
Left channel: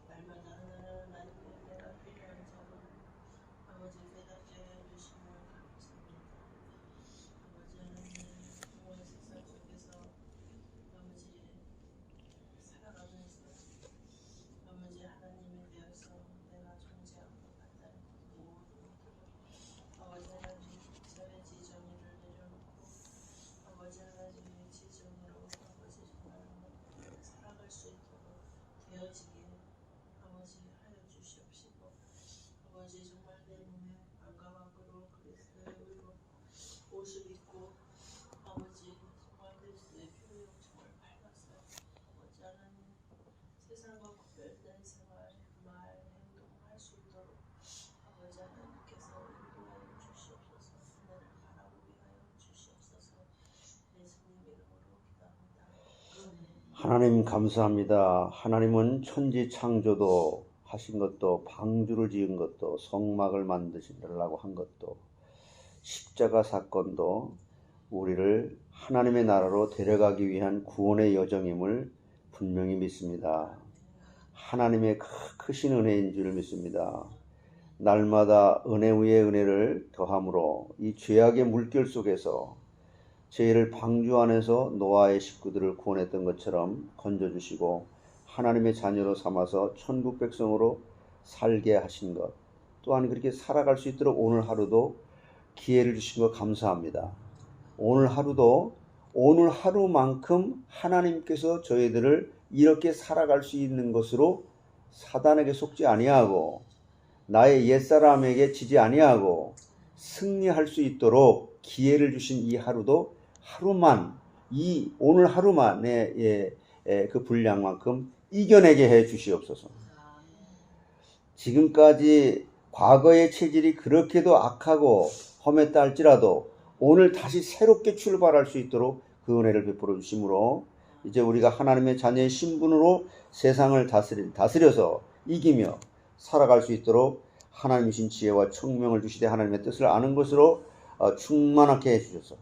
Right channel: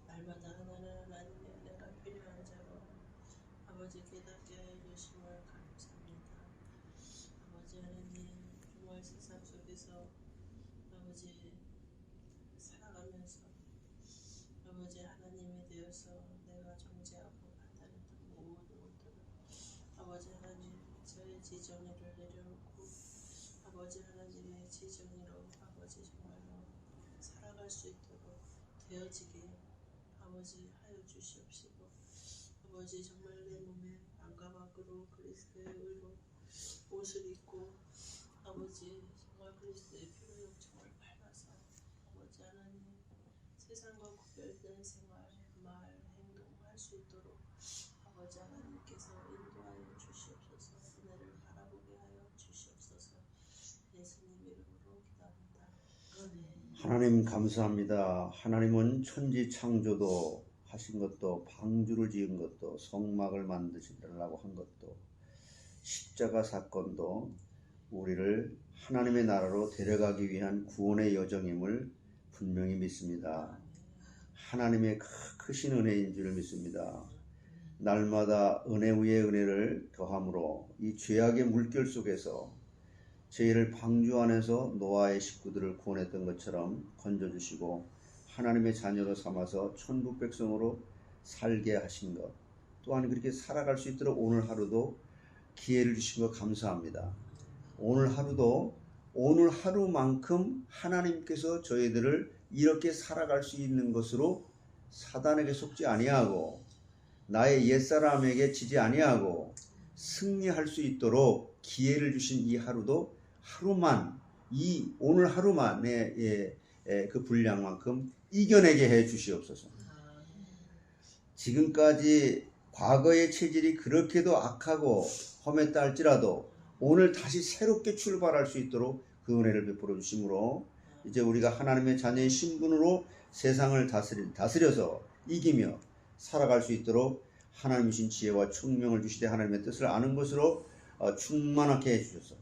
날마다 하나님의 은혜가 필요한 자로 아버지 깨닫게 해주심을 감사합니다. 아버지 하나님, 정말 세상 속에서 아버지 살아가면서 아버지 하나님에 대해서 내가 존재하고 판단했던 모든 아버지 하나님 저의 지정의를 내려놓고 아버지 하나님의 지정의로 아버지 정말로 살아갈 수 있도록 되어지게 아버지 하여 주시옵시고, 아버지 정말 내 몸에 안과 밖으로 그리스도의 의로 옷을 입고 아버지 정말 그리스도의 피로 욕정을 밟아서 아버지 하나님 세상과 구별된 생활, 말, 행동을 할 수 있도록 아버지 하나님께서 인도하여 하나님 감사합니다. 하나님은 천지 창조도 하신 것도, 방주를 지은 것도, 성막을 만드시려고 한 것도, 십자가 사건도 우리를 하나님의 나라로 데려가기 위한 구원의 여정임을 분명히 믿습니다. 하나님의 크신 은혜인 줄 믿습니다. 날마다 은혜 위에 은혜를 더함으로 이 죄악의 물결 속에서 저희를 방주 안에서 노아의 식구들을 구원했던 것처럼 건져주시고 하나님의 자녀로 삼아서 천국 백성으로 살게 하신 것, 또한 그렇게 살아갈 수 있도록 오늘 하루도 기회를 주신 것 감사합니다. 오늘 하루도 오늘 하루만큼 하나님께서 저희들을 이렇게 살아갈 수 있는 것으로 사단에게 속지 아니하고 나의 옛사람에게 지지 아니하고 승리할 수 있도록 기회를 주신 이 하루도 하루만, 이 오늘 하루만의 그 분량만큼 이겨내게 해 주시옵소서. 지금까지 과거의 체질이 그렇게도 악하고 험했다 할지라도 오늘 다시 새롭게 출발할 수 있도록 그 은혜를 베풀어 주심으로 이제 우리가 하나님의 자녀의 신분으로 세상을 다스려서 이기며 살아갈 수 있도록 하나님이신 지혜와 총명을 주시되 하나님의 뜻을 아는 것으로 충만하게 해주셔서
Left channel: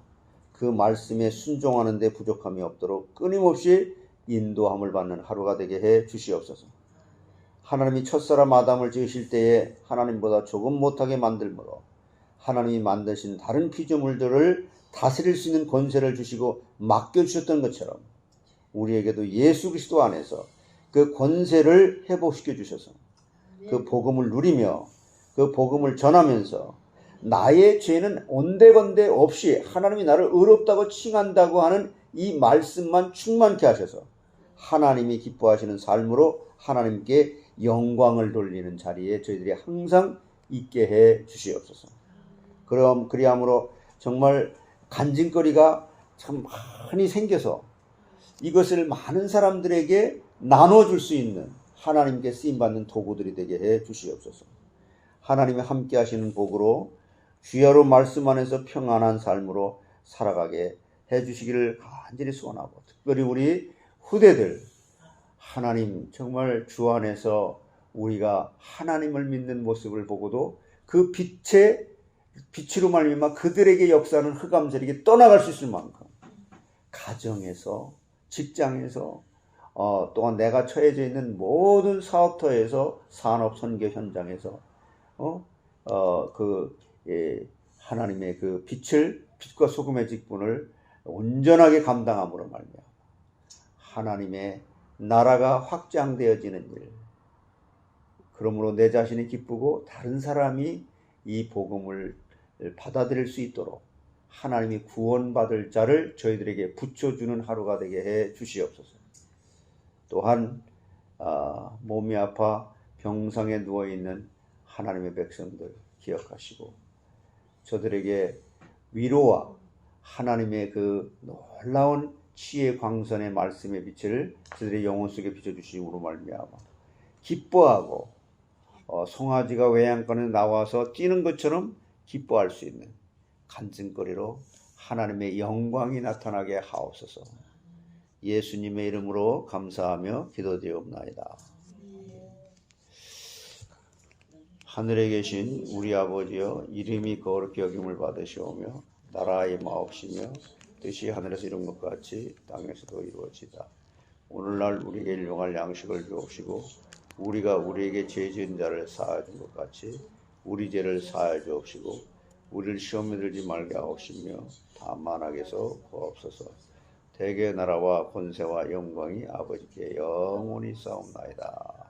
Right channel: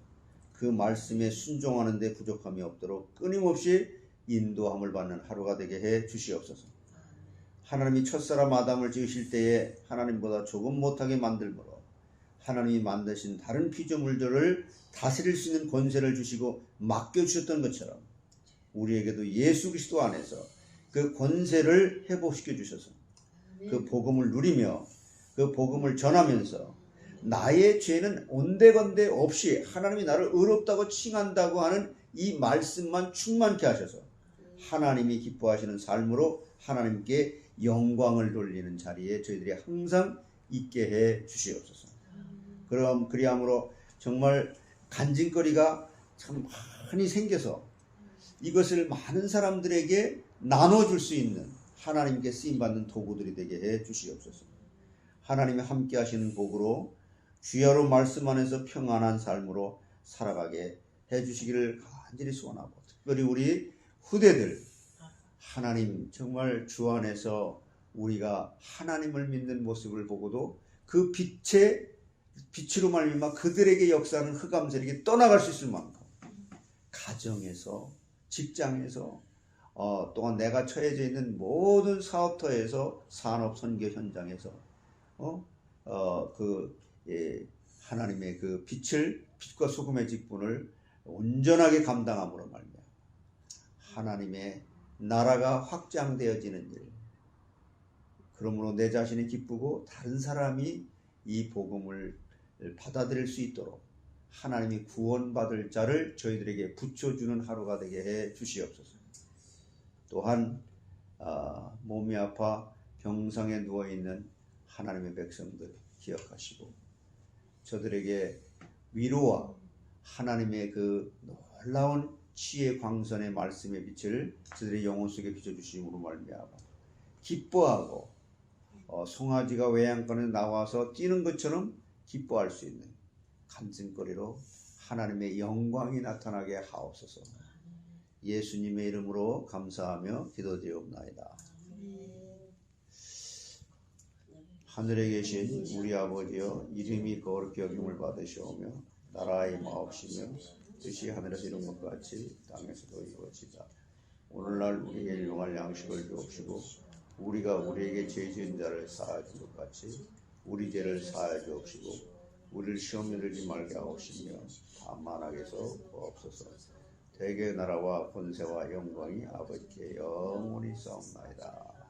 그 말씀에 순종하는 데 부족함이 없도록 끊임없이 인도함을 받는 하루가 되게 해 주시옵소서. 하나님이 첫사람 아담을 지으실 때에 하나님보다 조금 못하게 만들므로 하나님이 만드신 다른 피조물들을 다스릴 수 있는 권세를 주시고 맡겨주셨던 것처럼 우리에게도 예수 그리스도 안에서 그 권세를 회복시켜 주셔서 그 복음을 누리며 그 복음을 전하면서 나의 죄는 온데건데 없이 하나님이 나를 의롭다고 칭한다고 하는 이 말씀만 충만케 하셔서 하나님이 기뻐하시는 삶으로 하나님께 영광을 돌리는 자리에 저희들이 항상 있게 해 주시옵소서. 그럼 그리함으로 정말 간증거리가 참 많이 생겨서 이것을 많은 사람들에게 나눠줄 수 있는 하나님께 쓰임받는 도구들이 되게 해 주시옵소서. 하나님이 함께 하시는 복으로 주야로 말씀 안에서 평안한 삶으로 살아가게 해 주시기를 간절히 소원하고, 특별히 우리 후대들 하나님 정말 주 안에서 우리가 하나님을 믿는 모습을 보고도 그 빛으로 말미암아 그들에게 역사하는 흑암세력이 떠나갈 수 있을 만큼 가정에서, 직장에서, 또한 내가 처해져 있는 모든 사업터에서, 산업 선교 현장에서 하나님의 그 빛과 소금의 직분을 온전하게 감당함으로 말미암아 하나님의 나라가 확장되어지는 일, 그러므로 내 자신이 기쁘고 다른 사람이 이 복음을 받아들일 수 있도록 하나님이 구원받을 자를 저희들에게 붙여주는 하루가 되게 해 주시옵소서. 또한 몸이 아파 병상에 누워있는 하나님의 백성들 기억하시고 저들에게 위로와 하나님의 그 놀라운 치의 광선의 말씀의 빛을 저들의 영혼 속에 비춰주심으로 말미암아 기뻐하고 송아지가 외양간에 나와서 뛰는 것처럼 기뻐할 수 있는 간증거리로 하나님의 영광이 나타나게 하옵소서. 예수님의 이름으로 감사하며 기도드리옵나이다. 하늘에 계신 우리 아버지여, 이름이 거룩히 여김을 받으시오며 나라의 마옵시며 뜻이 하늘에서 이룬 것 같이 땅에서도 이루어지다. 오늘날 우리에게 일용할 양식을 주옵시고 우리가 우리에게 죄 지은 자를 사하여 준 것 같이 우리 죄를 사하여 주옵시고 우리를 시험에 들지 말게 하옵시며 다만 악에서 구하옵소서. 대개 나라와 권세와 영광이 아버지께 영원히 싸움나이다.